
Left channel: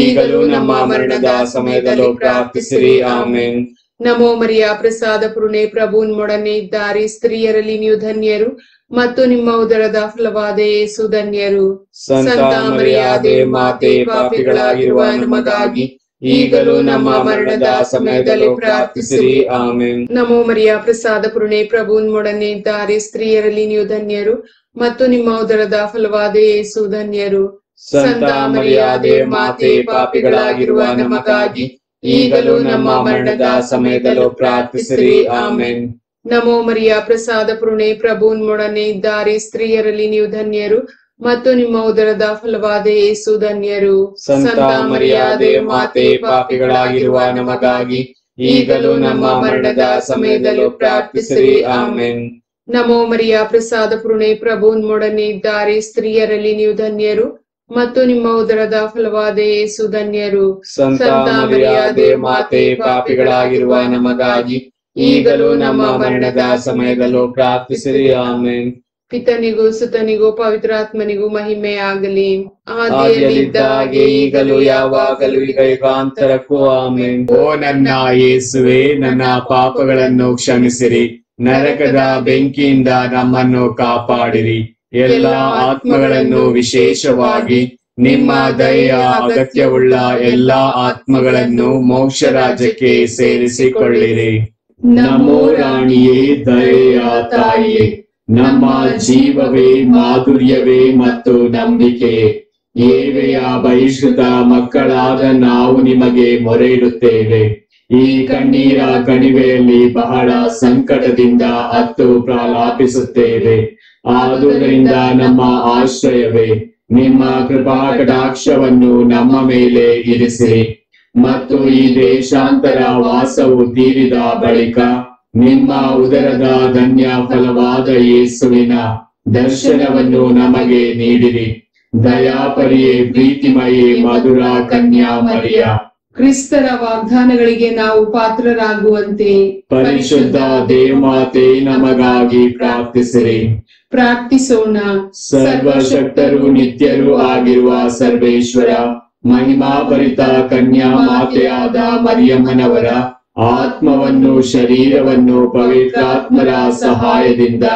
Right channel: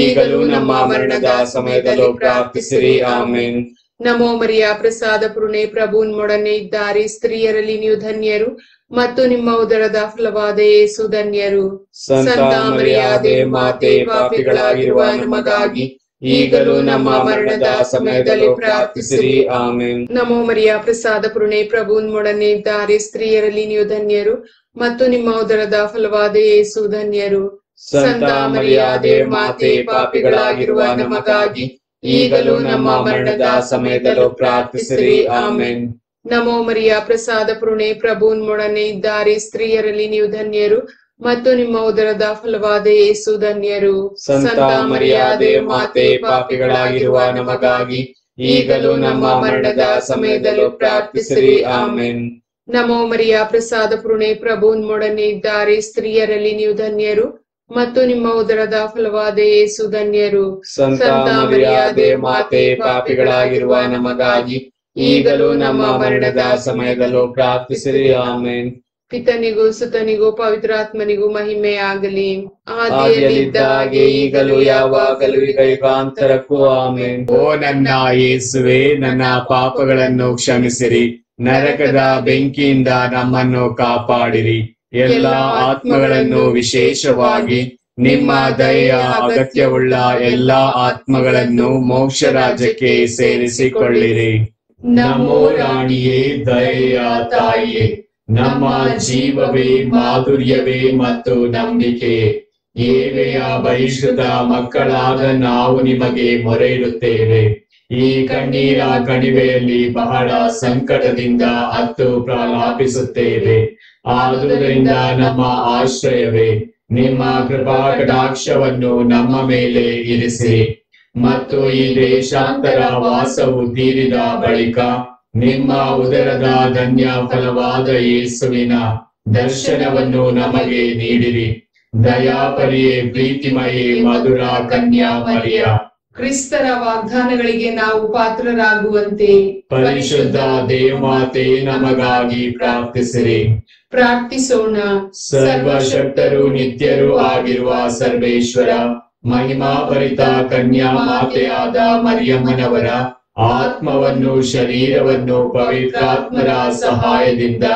ಈಗಲೂ ನಮ್ಮ ಮರಣದ ಸಮಯದಲ್ಲೂ ಪ್ರಾರ್ಥಿಸಿರಿ. ಆಮೆನ್. ನಮೋ ಮರಿಯ ಪ್ರಸಾದ ಪೂರ್ಣೆ ಪ್ರಭು ನಿಮ್ಮೊಡನೆ ಇದ್ದಾರೆ, ಸ್ತ್ರೀಯರಲ್ಲಿ ನೀವು ಧನ್ಯರು ಮತ್ತು ನಿಮ್ಮ ಉದರದ ಫಲವಾದ ಯೇಸು ಧನ್ಯರು. ಸಂತ ಮರಿಯಾದೆ ಮಾತೆ, ಪಾಪಿಗಳಾಗಿರುವ ನಮಗಾಗಿ ಈಗಲೂ ನಮ್ಮ ಮರಣದ ಸಮಯದಲ್ಲೂ ಪ್ರಾರ್ಥಿಸಿರಿ. ಆಮೆನ್. ನಮೋ ಮರಿಯ ಪ್ರಸಾದ ಪೂರ್ಣೆ ಪ್ರಭು ನಿಮ್ಮೊಡನೆ ಇದ್ದಾರೆ, ಸ್ತ್ರೀಯರಲ್ಲಿ ನೀವು ಧನ್ಯರು ಮತ್ತು ನಿಮ್ಮ ಉದರದ ಫಲವಾದ ಯೇಸು ಧನ್ಯರು. ಸಂತ ಮರಿಯಾದೆ ಮಾತೆ, ಪಾಪಿಗಳಾಗಿರುವ ನಮಗಾಗಿ ಈಗಲೂ ನಮ್ಮ ಮರಣದ ಸಮಯದಲ್ಲೂ ಪ್ರಾರ್ಥಿಸಿರಿ. ಆಮೆನ್. ನಮೋ ಮರಿಯ ಪ್ರಸಾದ ಪೂರ್ಣೆ ಪ್ರಭು ನಿಮ್ಮೊಡನೆ ಇದ್ದಾರೆ, ಸ್ತ್ರೀಯರಲ್ಲಿ ನೀವು ಧನ್ಯರು ಮತ್ತು ನಿಮ್ಮ ಉದರದ ಫಲವಾದ ಯೇಸು ಧನ್ಯರು. ಸಂತ ಮರಿಯಾದೆ ಮಾತೆ, ಪಾಪಿಗಳಾಗಿರುವ ನಮಗಾಗಿ ಈಗಲೂ ನಮ್ಮ ಮರಣದ ಸಮಯದಲ್ಲೂ ಪ್ರಾರ್ಥಿಸಿರಿ. ಆಮೆನ್. ನಮೋ ಮರಿಯ ಪ್ರಸಾದ ಪೂರ್ಣೆ ಪ್ರಭು ನಿಮ್ಮೊಡನೆ ಇದ್ದಾರೆ, ಸ್ತ್ರೀಯರಲ್ಲಿ ನೀವು ಧನ್ಯರು ಮತ್ತು ನಿಮ್ಮ ಉದರದ ಫಲವಾದ ಯೇಸು ಧನ್ಯರು. ಸಂತ ಮರಿಯಾದೆ ಮಾತೆ, ಪಾಪಿಗಳಾಗಿರುವ ನಮಗಾಗಿ ಈಗಲೂ ನಮ್ಮ ಮರಣದ ಸಮಯದಲ್ಲೂ ಪ್ರಾರ್ಥಿಸಿರಿ. ಆಮೆನ್. ಪಿತನಿಗೂ ಸುತನಿಗೂ ಪವಿತ್ರಾತ್ಮನಿಗೂ ಮಹಿಮೆ ಆಗಲಿ. ಆದಿಯಲ್ಲಿದ್ದ ಹಾಗೆ ಈಗಲೂ ಯಾವಾಗಲೂ ಈಗ ಯುಗಾಂತರಕ್ಕೂ ಆಮೆನ್. ಓ ನನ್ನ ಯೇಸುವೆ, ನನ್ನ ಪಾಪಗಳನ್ನು ಕ್ಷಮಿಸಿರಿ, ನರಕದ ಬೆಂಕಿಯಿಂದ ನಮ್ಮನ್ನು ಕಾಪಾಡಿರಿ. ಎಲ್ಲ ಆತ್ಮಗಳನ್ನು, ವಿಶೇಷವಾಗಿ ನಿಮ್ಮ ದಯೆಯ ಅಗತ್ಯವುಳ್ಳ ಎಲ್ಲಾ ಆತ್ಮಗಳನ್ನು ಮೋಕ್ಷ ರಾಜ್ಯಕ್ಕೆ ಸೇರಿಸಿಕೊಳ್ಳಿರಿ. ನಮೋ ರಾಣಿಯೇ, ದಯೆಯ ತಾಯಿಯೇ, ನಮ್ಮ ಜೀವವೇ, ಮಾಧುರ್ಯವೇ ಮತ್ತು ನಂಬಿಕೆಯೇ, ಏವೆಯ ಬಹಿಷ್ಕೃತ ಮಕ್ಕಳಾದ ನಾವು ನಿಮಗೆ ಮೊರೆ ಇಡುತ್ತೇವೆ. ಈ ಕಣ್ಣೀರ ಕಣಿವೆಯಲ್ಲಿ ಬಹಳ ಸಂಕಟದಿಂದ ಅತ್ತು ಪ್ರಲಾಪಿಸುತ್ತೇವೆ. ಆದುದರಿಂದ ನಮ್ಮ ಆಶ್ರಯವೇ, ನಿಮ್ಮ ಕೃಪಾ ಕಟಾಕ್ಷವನ್ನು ನಮ್ಮ ಮೇಲೆ ಇರಿಸಿರಿ. ಮತ್ತು ಈ ದೇಶಾಂತರ ವಾಸವು ತೀರಿದ ಬಳಿಕ ನಿಮ್ಮ ಉದರದ ಧನ್ಯ ಫಲವಾದ ಯೇಸುವಿನ ದರ್ಶನವನ್ನು ನಮಗೆ ನೀಡಿರಿ. ದಯಾಪರಿಯೇ, ಪ್ರೀತಿಮಯೇ, ಮಧುರ ಕನ್ಯಾ ಮರಿಯ, ಕ್ರಿಸ್ತರ ವಾಗ್ದಾನಗಳಿಗೆ ನಾವು ಪಾತ್ರರಾಗುವಂತೆ ಪರಿಶುದ್ಧ ದೇವಮಾತೆ ನಮಗಾಗಿ ಪ್ರಾರ್ಥಿಸಿರಿ. ಪ್ರಾರ್ಥಿಸೋಣ. ಸರ್ವಶಕ್ತರು ನಿತ್ಯರೂ ಆಗಿರುವ ಸರ್ವೇಶ್ವರ, ಮಹಿಮಾಭರಿತ ಕನ್ಯಾ ಮಾತೆಯಾದ ಮರಿಯಮ್ಮನವರ ಆತ್ಮವನ್ನು, ಶರೀರವನ್ನು ಪವಿತ್ರಾತ್ಮರ ಸಹಾಯದಿಂದ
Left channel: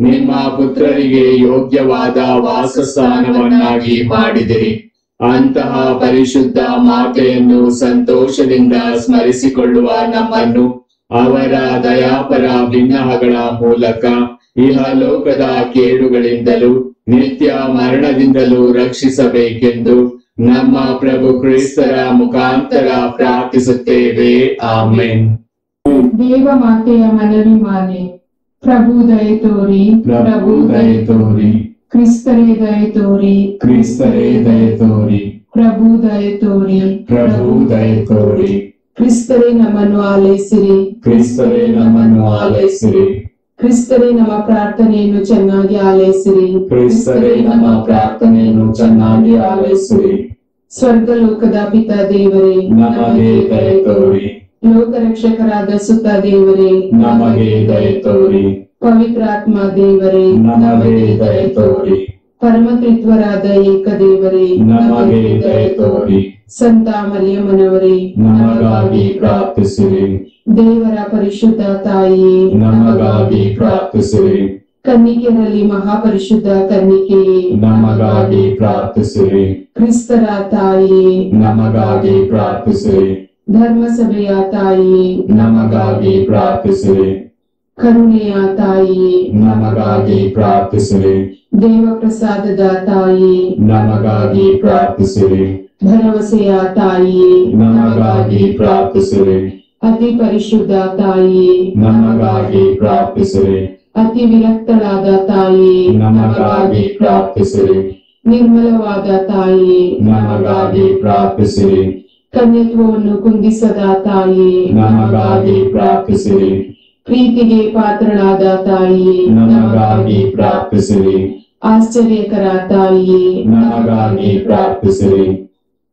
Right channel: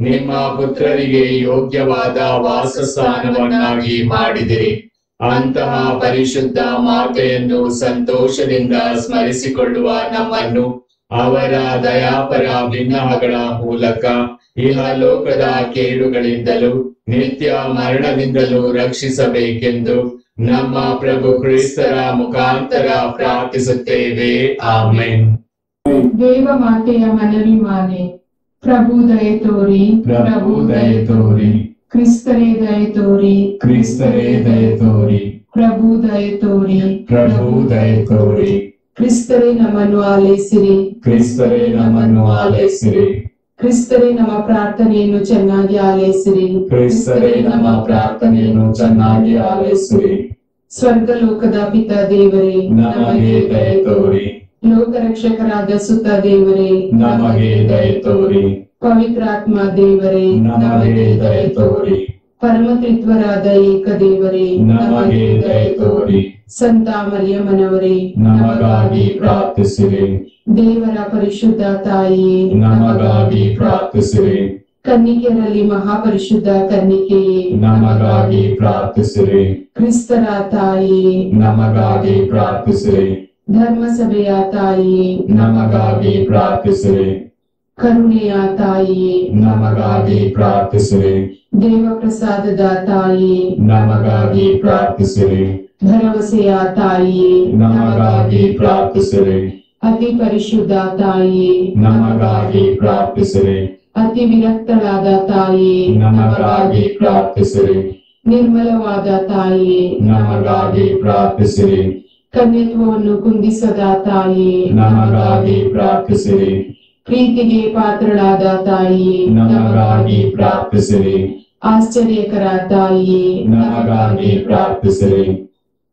ನಿಮ್ಮ ಪುತ್ರರಿಗೆ ಯೋಗ್ಯವಾದ ವಾಸಸ್ಥಾನವನ್ನಾಗಿ ಮಾಡಿದಿರಿ. ಅಂತಹ ಪರಿಶುದ್ಧ ಮಾತೆಯನ್ನು ಸಂತೋಷದಿಂದ ಸ್ಮರಿಸಿಕೊಳ್ಳುವ ನಮ್ಮನ್ನು ಅವರ ದಯಾಪರ ಬಿನ್ನಹಗಳ ಮೂಲಕ ಇಹಲೋಕದ ಕೇಡುಗಳಿಂದಲೂ ನಿತ್ಯ ಮರಣದಿಂದಲೂ ರಕ್ಷಿಸಬೇಕೆಂದು ನಮ್ಮ ಪ್ರಭು ಕ್ರಿಸ್ತರ ಮುಖಾಂತರ ಪ್ರಾರ್ಥಿಸುತ್ತೇವೆ. ಆಮೆನ್. ದೇವ ಮಾತೆಯ ಮನವಿ ಮಾಲೆ. ಪ್ರಭು ದಯೆ ತೋರಿ, ಪ್ರಭು ದಯೆ ತೋರಿ, ಕ್ರಿಸ್ತರೇ ದಯೆ ತೋರಿ, ಕ್ರಿಸ್ತರೇ ದಯೆ ತೋರಿ, ಪ್ರಭು ದಯೆ ತೋರಿ, ಪ್ರಭು ದಯೆ ತೋರಿ, ಕ್ರಿಸ್ತರೇ ನಮ್ಮನ್ನು ಆಲೈಸಿರಿ, ಕ್ರಿಸ್ತರೇ ನಮ್ಮನ್ನು ಆಲೈಸಿರಿ, ಕ್ರಿಸ್ತರೇ ನಮ್ಮ ಪ್ರಾರ್ಥನೆಯನ್ನು ಚೆನ್ನಾಗಿ ಆಲೈಸಿರಿ, ಕ್ರಿಸ್ತರೇ ನಮ್ಮ ಪ್ರಾರ್ಥನೆಯನ್ನು ಚೆನ್ನಾಗಿ ಆಲೈಸಿರಿ. ಸ್ವರ್ಗಲೋಕದ ಪಿತ ದೇವರೇ ನಮಗೆ ದಯೆ ತೋರಿ, ಲೋಕರಕ್ಷಕರಾದ ಸುತ ದೇವರೇ ನಮಗೆ ದಯೆ ತೋರಿ, ಪವಿತ್ರಾತ್ಮ ದೇವರೇ ನಮಗೆ ದಯೆ ತೋರಿ, ಪರಮತ್ರಿತ್ವರಾದ ಏಕದೇವರೇ ನಮಗೆ ದಯೆ ತೋರಿ, ಸಂತ ಮರಿಯಮ್ಮನವರೇ ನಮಗಾಗಿ ಪ್ರಾರ್ಥಿಸಿರಿ. ದೇವರ ಪರಿಶುದ್ಧ ತಾಯಿಯೇ ನಮಗಾಗಿ ಪ್ರಾರ್ಥಿಸಿರಿ. ಕನ್ನಿಕೆಯರಲ್ಲಿ ಮಹಾಪರಿಶುದ್ಧ ಕನ್ನಿಕೆಯೇ ನಮಗಾಗಿ ಪ್ರಾರ್ಥಿಸಿರಿ. ಕ್ರಿಸ್ತರ ತಾಯಿಯೇ ನಮಗಾಗಿ ಪ್ರಾರ್ಥಿಸಿರಿ. ಧರ್ಮಸಭೆಯ ತಾಯಿಯೇ ನಮಗಾಗಿ ಪ್ರಾರ್ಥಿಸಿರಿ. ಕರುಣೆಯ ತಾಯಿಯೇ ನಮಗಾಗಿ ಪ್ರಾರ್ಥಿಸಿರಿ. ದೇವಪ್ರಸಾದದ ತಾಯಿಯೇ ನಮಗಾಗಿ ಪ್ರಾರ್ಥಿಸಿರಿ. ಭರವಸೆಯ ತಾಯಿಯೇ ನಮಗಾಗಿ ಪ್ರಾರ್ಥಿಸಿರಿ. ಅತಿ ಪರಿಶುದ್ಧ ತಾಯಿಯೇ ನಮಗಾಗಿ ಪ್ರಾರ್ಥಿಸಿರಿ. ಅತಿ ವಿರಕ್ತಳಾದ ತಾಯಿಯೇ ನಮಗಾಗಿ ಪ್ರಾರ್ಥಿಸಿರಿ. ನಿರ್ಮಲವಾದ ತಾಯಿಯೇ ನಮಗಾಗಿ ಪ್ರಾರ್ಥಿಸಿರಿ. ಕನ್ಯತ್ವವನ್ನು ಕುಂದಿಸದ ತಾಯಿಯೇ ನಮಗಾಗಿ ಪ್ರಾರ್ಥಿಸಿರಿ. ಪ್ರೀತಿಗೆ ಪಾತ್ರಳಾದ ತಾಯಿಯೇ ನಮಗಾಗಿ ಪ್ರಾರ್ಥಿಸಿರಿ. ಆಶ್ಚರ್ಯಕರ ತಾಯಿಯೇ ನಮಗಾಗಿ ಪ್ರಾರ್ಥಿಸಿರಿ.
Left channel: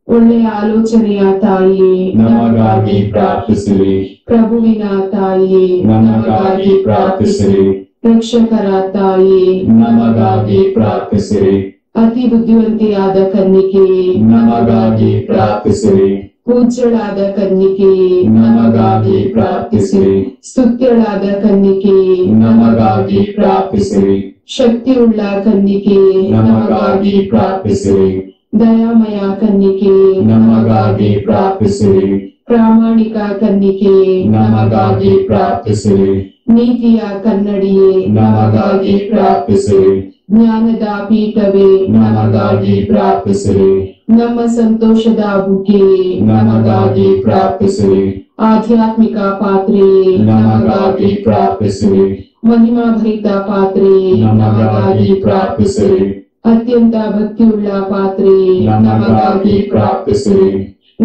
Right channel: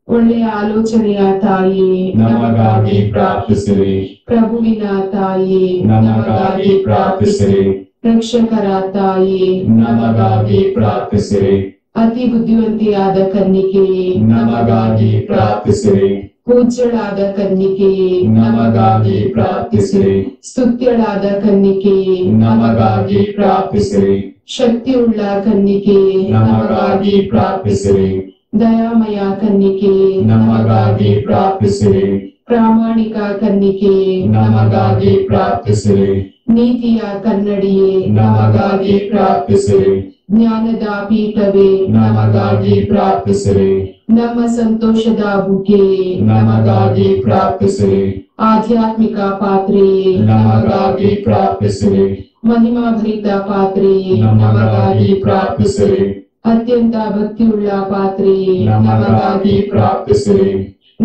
ಒಳ್ಳೆಯ ಆಲೋಚನೆಯ ತಾಯಿಯೇ ನಮಗಾಗಿ ಪ್ರಾರ್ಥಿಸಿರಿ. ಪ್ರಭುವಿನ ತಾಯಿಯೇ ನಮಗಾಗಿ ಪ್ರಾರ್ಥಿಸಿರಿ. ರಕ್ಷಕರ ತಾಯಿಯೇ ನಮಗಾಗಿ ಪ್ರಾರ್ಥಿಸಿರಿ. ಅತಿ ಬುದ್ಧಿವಂತಿಯಾದ ಕನ್ನಿಕೆಯೇ ನಮಗಾಗಿ ಪ್ರಾರ್ಥಿಸಿರಿ. ಪೂಜ್ಯಳಾದ ಕನ್ನಿಕೆಯೇ ನಮಗಾಗಿ ಪ್ರಾರ್ಥಿಸಿರಿ. ಸ್ತುತ್ಯಳಾದ ಕನ್ನಿಕೆಯೇ ನಮಗಾಗಿ ಪ್ರಾರ್ಥಿಸಿರಿ. ಶಕ್ತಿಯುಳ್ಳ ಕನ್ನಿಕೆಯೇ ನಮಗಾಗಿ ಪ್ರಾರ್ಥಿಸಿರಿ. ದಯಾಮಯ ಕನ್ನಿಕೆಯೇ ನಮಗಾಗಿ ಪ್ರಾರ್ಥಿಸಿರಿ. ಪ್ರಾಮಾಣಿಕ ಕನ್ನಿಕೆಯೇ ನಮಗಾಗಿ ಪ್ರಾರ್ಥಿಸಿರಿ. ನೀತಿಯ ಕನ್ನಡಿಯೇ ನಮಗಾಗಿ ಪ್ರಾರ್ಥಿಸಿರಿ. ಜ್ಞಾನದ ಪೀಠವೇ ನಮಗಾಗಿ ಪ್ರಾರ್ಥಿಸಿರಿ. ನಮ್ಮ ಸಂತೋಷದ ಬುಗ್ಗೆಯೇ ನಮಗಾಗಿ ಪ್ರಾರ್ಥಿಸಿರಿ. ಆಧ್ಯಾತ್ಮಿಕ ಪಾತ್ರೆಯೇ ನಮಗಾಗಿ ಪ್ರಾರ್ಥಿಸಿರಿ. ಮಹಿಮಾಭರಿತ ಪಾತ್ರೆಯೇ ನಮಗಾಗಿ ಪ್ರಾರ್ಥಿಸಿರಿ. ಅತ್ಯಂತ ಭಕ್ತಿಯುಳ್ಳ ಪಾತ್ರೆಯೇ ನಮಗಾಗಿ ಪ್ರಾರ್ಥಿಸಿರಿ.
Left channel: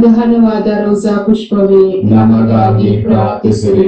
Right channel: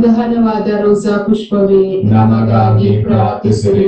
ಗಹನವಾದ ರೋಸಾ ಪುಷ್ಪವೇ ನಮಗಾಗಿ ಪ್ರಾರ್ಥಿಸಿರಿ.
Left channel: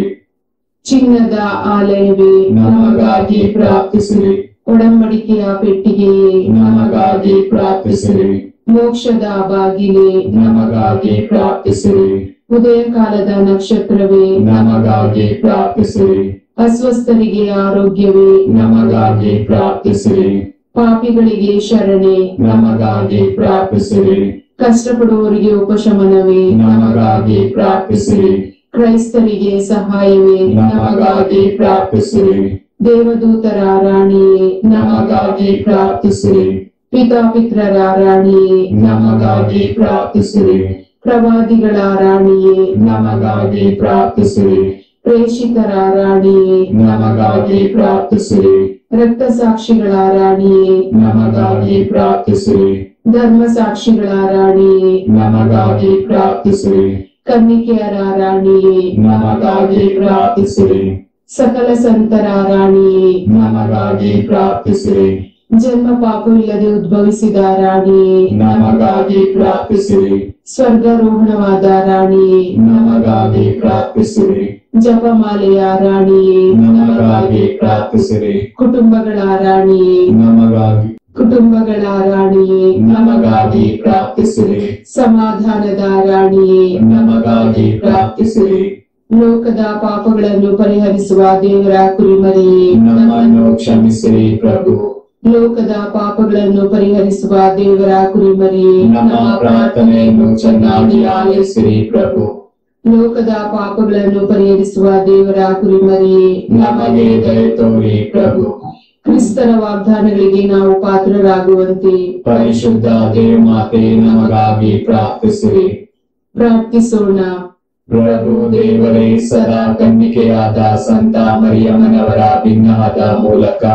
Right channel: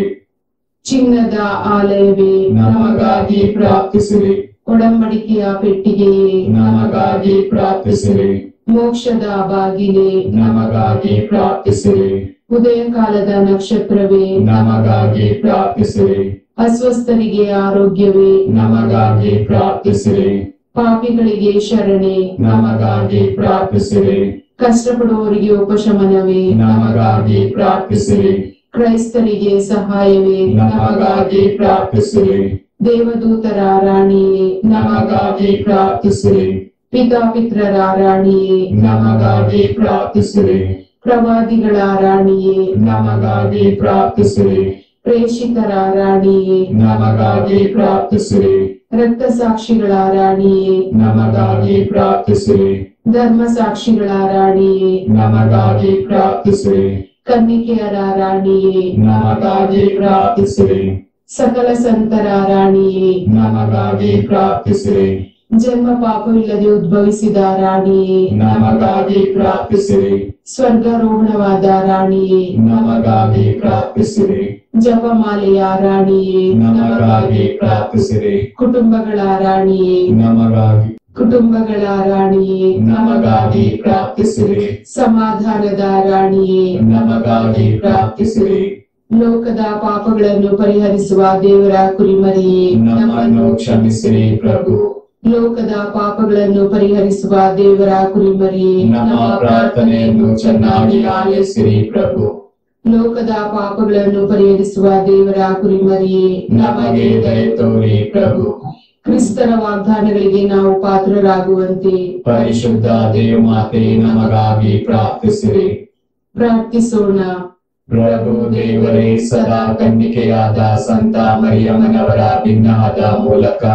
ಚಿನ್ನದ ಆಲಯವೇ ನಮಗಾಗಿ ಪ್ರಾರ್ಥಿಸಿರಿ. ಒಡಂಬಡಿಕೆಯ ಪೆಟ್ಟಿಗೆಯೇ ನಮಗಾಗಿ ಪ್ರಾರ್ಥಿಸಿರಿ. ಮೋಕ್ಷದ ಬಾಗಿಲೇ, ನಮಗಾಗಿ ಪ್ರಾರ್ಥಿಸಿರಿ. ಉದಯ ಕಾಲದ ನಕ್ಷತ್ರವೇ, ನಮಗಾಗಿ ಪ್ರಾರ್ಥಿಸಿರಿ. ಅಸ್ವಸ್ಥರಿಗೆ ಆರೋಗ್ಯವೇ, ನಮಗಾಗಿ ಪ್ರಾರ್ಥಿಸಿರಿ. ಪಾಪಿಗಳಿಗೆ ಶರಣೆ, ನಮಗಾಗಿ ಪ್ರಾರ್ಥಿಸಿರಿ. ಕಷ್ಟಪಡುವವರಿಗೆ ಉಪಶಮನವೇ, ನಮಗಾಗಿ ಪ್ರಾರ್ಥಿಸಿರಿ. ಕ್ರೈಸ್ತರಿಗೆ ಸಹಾಯವೇ, ನಮಗಾಗಿ ಪ್ರಾರ್ಥಿಸಿರಿ. ದೇವದೂತರ ರಾಣಿಯೇ, ನಮಗಾಗಿ ಪ್ರಾರ್ಥಿಸಿರಿ. ಪಿತಾಪಿತ್ರರ ರಾಣಿಯೇ, ನಮಗಾಗಿ ಪ್ರಾರ್ಥಿಸಿರಿ. ಪ್ರವಾದಿಗಳ ರಾಣಿಯೇ, ನಮಗಾಗಿ ಪ್ರಾರ್ಥಿಸಿರಿ. ಪ್ರೇಷಿತರ ರಾಣಿಯೇ, ನಮಗಾಗಿ ಪ್ರಾರ್ಥಿಸಿರಿ. ರಕ್ತಸಾಕ್ಷಿಗಳ ರಾಣಿಯೇ, ನಮಗಾಗಿ ಪ್ರಾರ್ಥಿಸಿರಿ. ಧರ್ಮಸಾಕ್ಷಿಗಳ ರಾಣಿಯೇ, ನಮಗಾಗಿ ಪ್ರಾರ್ಥಿಸಿರಿ. ಕನ್ನಿಕೆಯರ ರಾಣಿಯೇ, ನಮಗಾಗಿ ಪ್ರಾರ್ಥಿಸಿರಿ. ಸಕಲ ಸಂತರ ರಾಣಿಯೇ, ನಮಗಾಗಿ ಪ್ರಾರ್ಥಿಸಿರಿ. ಜನ್ಮ ಪಾಪವಿಲ್ಲದೆ ಉದ್ಭವಿಸಿದ ರಾಣಿಯೇ, ನಮಗಾಗಿ ಪ್ರಾರ್ಥಿಸಿರಿ. ಸ್ವರ್ಗಾರೋಹಣವಾದ ರಾಣಿಯೇ, ನಮಗಾಗಿ ಪ್ರಾರ್ಥಿಸಿರಿ. ಜಪಮಾಲೆಯ ರಾಣಿಯೇ, ನಮಗಾಗಿ ಪ್ರಾರ್ಥಿಸಿರಿ. ಕುಟುಂಬಗಳ ರಾಣಿಯೇ, ನಮಗಾಗಿ ಕುಟುಂಬಗಳ ರಾಣಿಯೇ, ನಮಗಾಗಿ ಪ್ರಾರ್ಥಿಸಿರಿ. ಸಮಾಧಾನದ ರಾಣಿಯೇ, ನಮಗಾಗಿ ಪ್ರಾರ್ಥಿಸಿರಿ. ಲೋಕದ ಪಾಪಗಳನ್ನು ಪರಿಹರಿಸುವ ದೇವರ ಕುರಿಮರಿಯೇ, ನಮ್ಮನ್ನು ಕ್ಷಮಿಸಿರಿ ಪ್ರಭು. ಲೋಕದ ಪಾಪಗಳನ್ನು ಪರಿಹರಿಸುವ ದೇವರ ಕುರಿಮರಿಯೇ, ನಮ್ಮ ಪ್ರಾರ್ಥನೆಯನ್ನು ಚೆನ್ನಾಗಿ ಆಲಿಸಿರಿ ಪ್ರಭು. ಲೋಕದ ಪಾಪಗಳನ್ನು ಪರಿಹರಿಸುವ ದೇವರ ಕುರಿಮರಿಯೇ, ನಮಗೆ ದಯೆ ತೋರಿ ಪ್ರಭು. ಕ್ರಿಸ್ತರ ವಾಗ್ದಾನಗಳಿಗೆ ನಾವು ಪಾತ್ರರಾಗುವಂತೆ ಪರಿಶುದ್ಧ ದೇವಮಾತೆ ನಮಗಾಗಿ ಪ್ರಾರ್ಥಿಸಿರಿ. ಪ್ರಾರ್ಥಿಸೋಣ. ಪ್ರಭು ದೇವರೇ, ಸದಾ ಕನ್ನಿಕೆಯಾದ ಸಂತ ಮರಿಯಮ್ಮನವರ ಭಿನ್ನವಾದ ಮೂಲಕ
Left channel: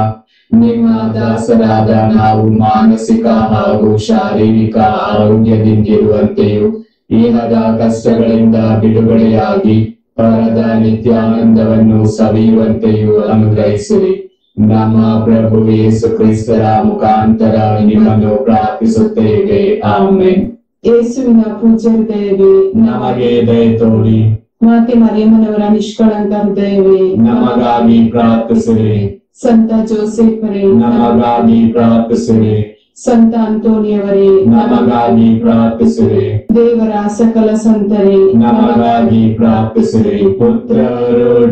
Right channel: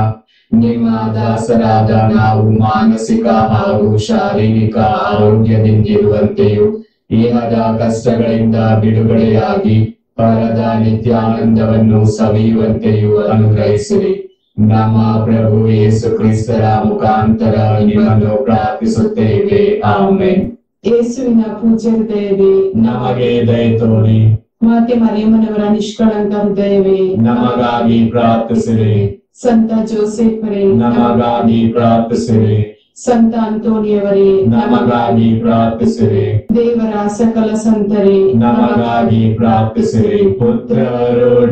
ನಿಮ್ಮ ದಾಸರಾದ ನಾವು ಮಾನಸಿಕ ಹಾಗೂ ಶಾರೀರಿಕ ಆರೋಗ್ಯದಿಂದಿರುವಂತೆಯೂ ಇಹದ ಕಷ್ಟಗಳಿಂದ ಬಿಡುಗಡೆಯಾಗಿ ಪರದ ನಿತ್ಯಾನಂದವನ್ನು ಸವಿಯುವಂತೆಯೂ ಅನುಗ್ರಹಿಸಿರಿ. ನಮ್ಮ ಪ್ರಭು ಯೇಸು ಕ್ರಿಸ್ತರ ಮುಖಾಂತರ ನಿಮ್ಮನ್ನು ಪ್ರಾರ್ಥಿಸುತ್ತೇವೆ. ಆಮೆನ್. ಯೇಸುವಿನ ಪೂಜ್ಯ ಹೃದಯವೇ, ನಮಗೆ ದಯೆ ತೋರಿ. ಮಾತೆ ಮರಿಯಮ್ಮನವರ ನಿಷ್ಕಳಂಕ ಹೃದಯವೇ, ನಮಗಾಗಿ ಪ್ರಾರ್ಥಿಸಿರಿ. ಸಂತ ಜೋಸೆಫರೇ, ನಮಗಾಗಿ ಪ್ರಾರ್ಥಿಸಿರಿ. ಸಂತ ಅಂತೋನಿಯವರೇ, ನಮಗಾಗಿ ಪ್ರಾರ್ಥಿಸಿರಿ. ದೇವರ ಸಕಲ ಸಂತರೇ, ನಮಗಾಗಿ ಪ್ರಾರ್ಥಿಸಿರಿ. ಪುತ್ರರೊಡಗೂಡಿ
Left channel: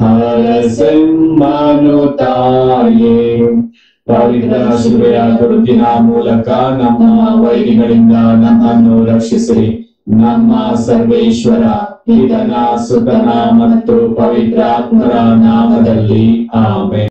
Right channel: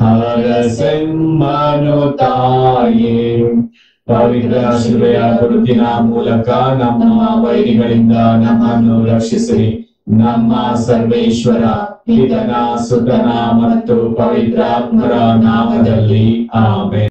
ಹರಸಮ್ಮನು ತಾಯೇ, ಪವಿತ್ರ ಶಿಲುಬೆಯ ಗುರುತಿನ ಮೂಲಕ ನಮ್ಮ ವೈರಿಗಳಿಂದ ನಮ್ಮನ್ನು ರಕ್ಷಿಸಿರಿ. ನಮ್ಮ ಸರ್ವೇಶ್ವರ ಪಿತನ ಸುತನ ಮತ್ತು ಪವಿತ್ರಾತ್ಮರ ನಾಮದಲ್ಲಿ ಆಮೆನ್.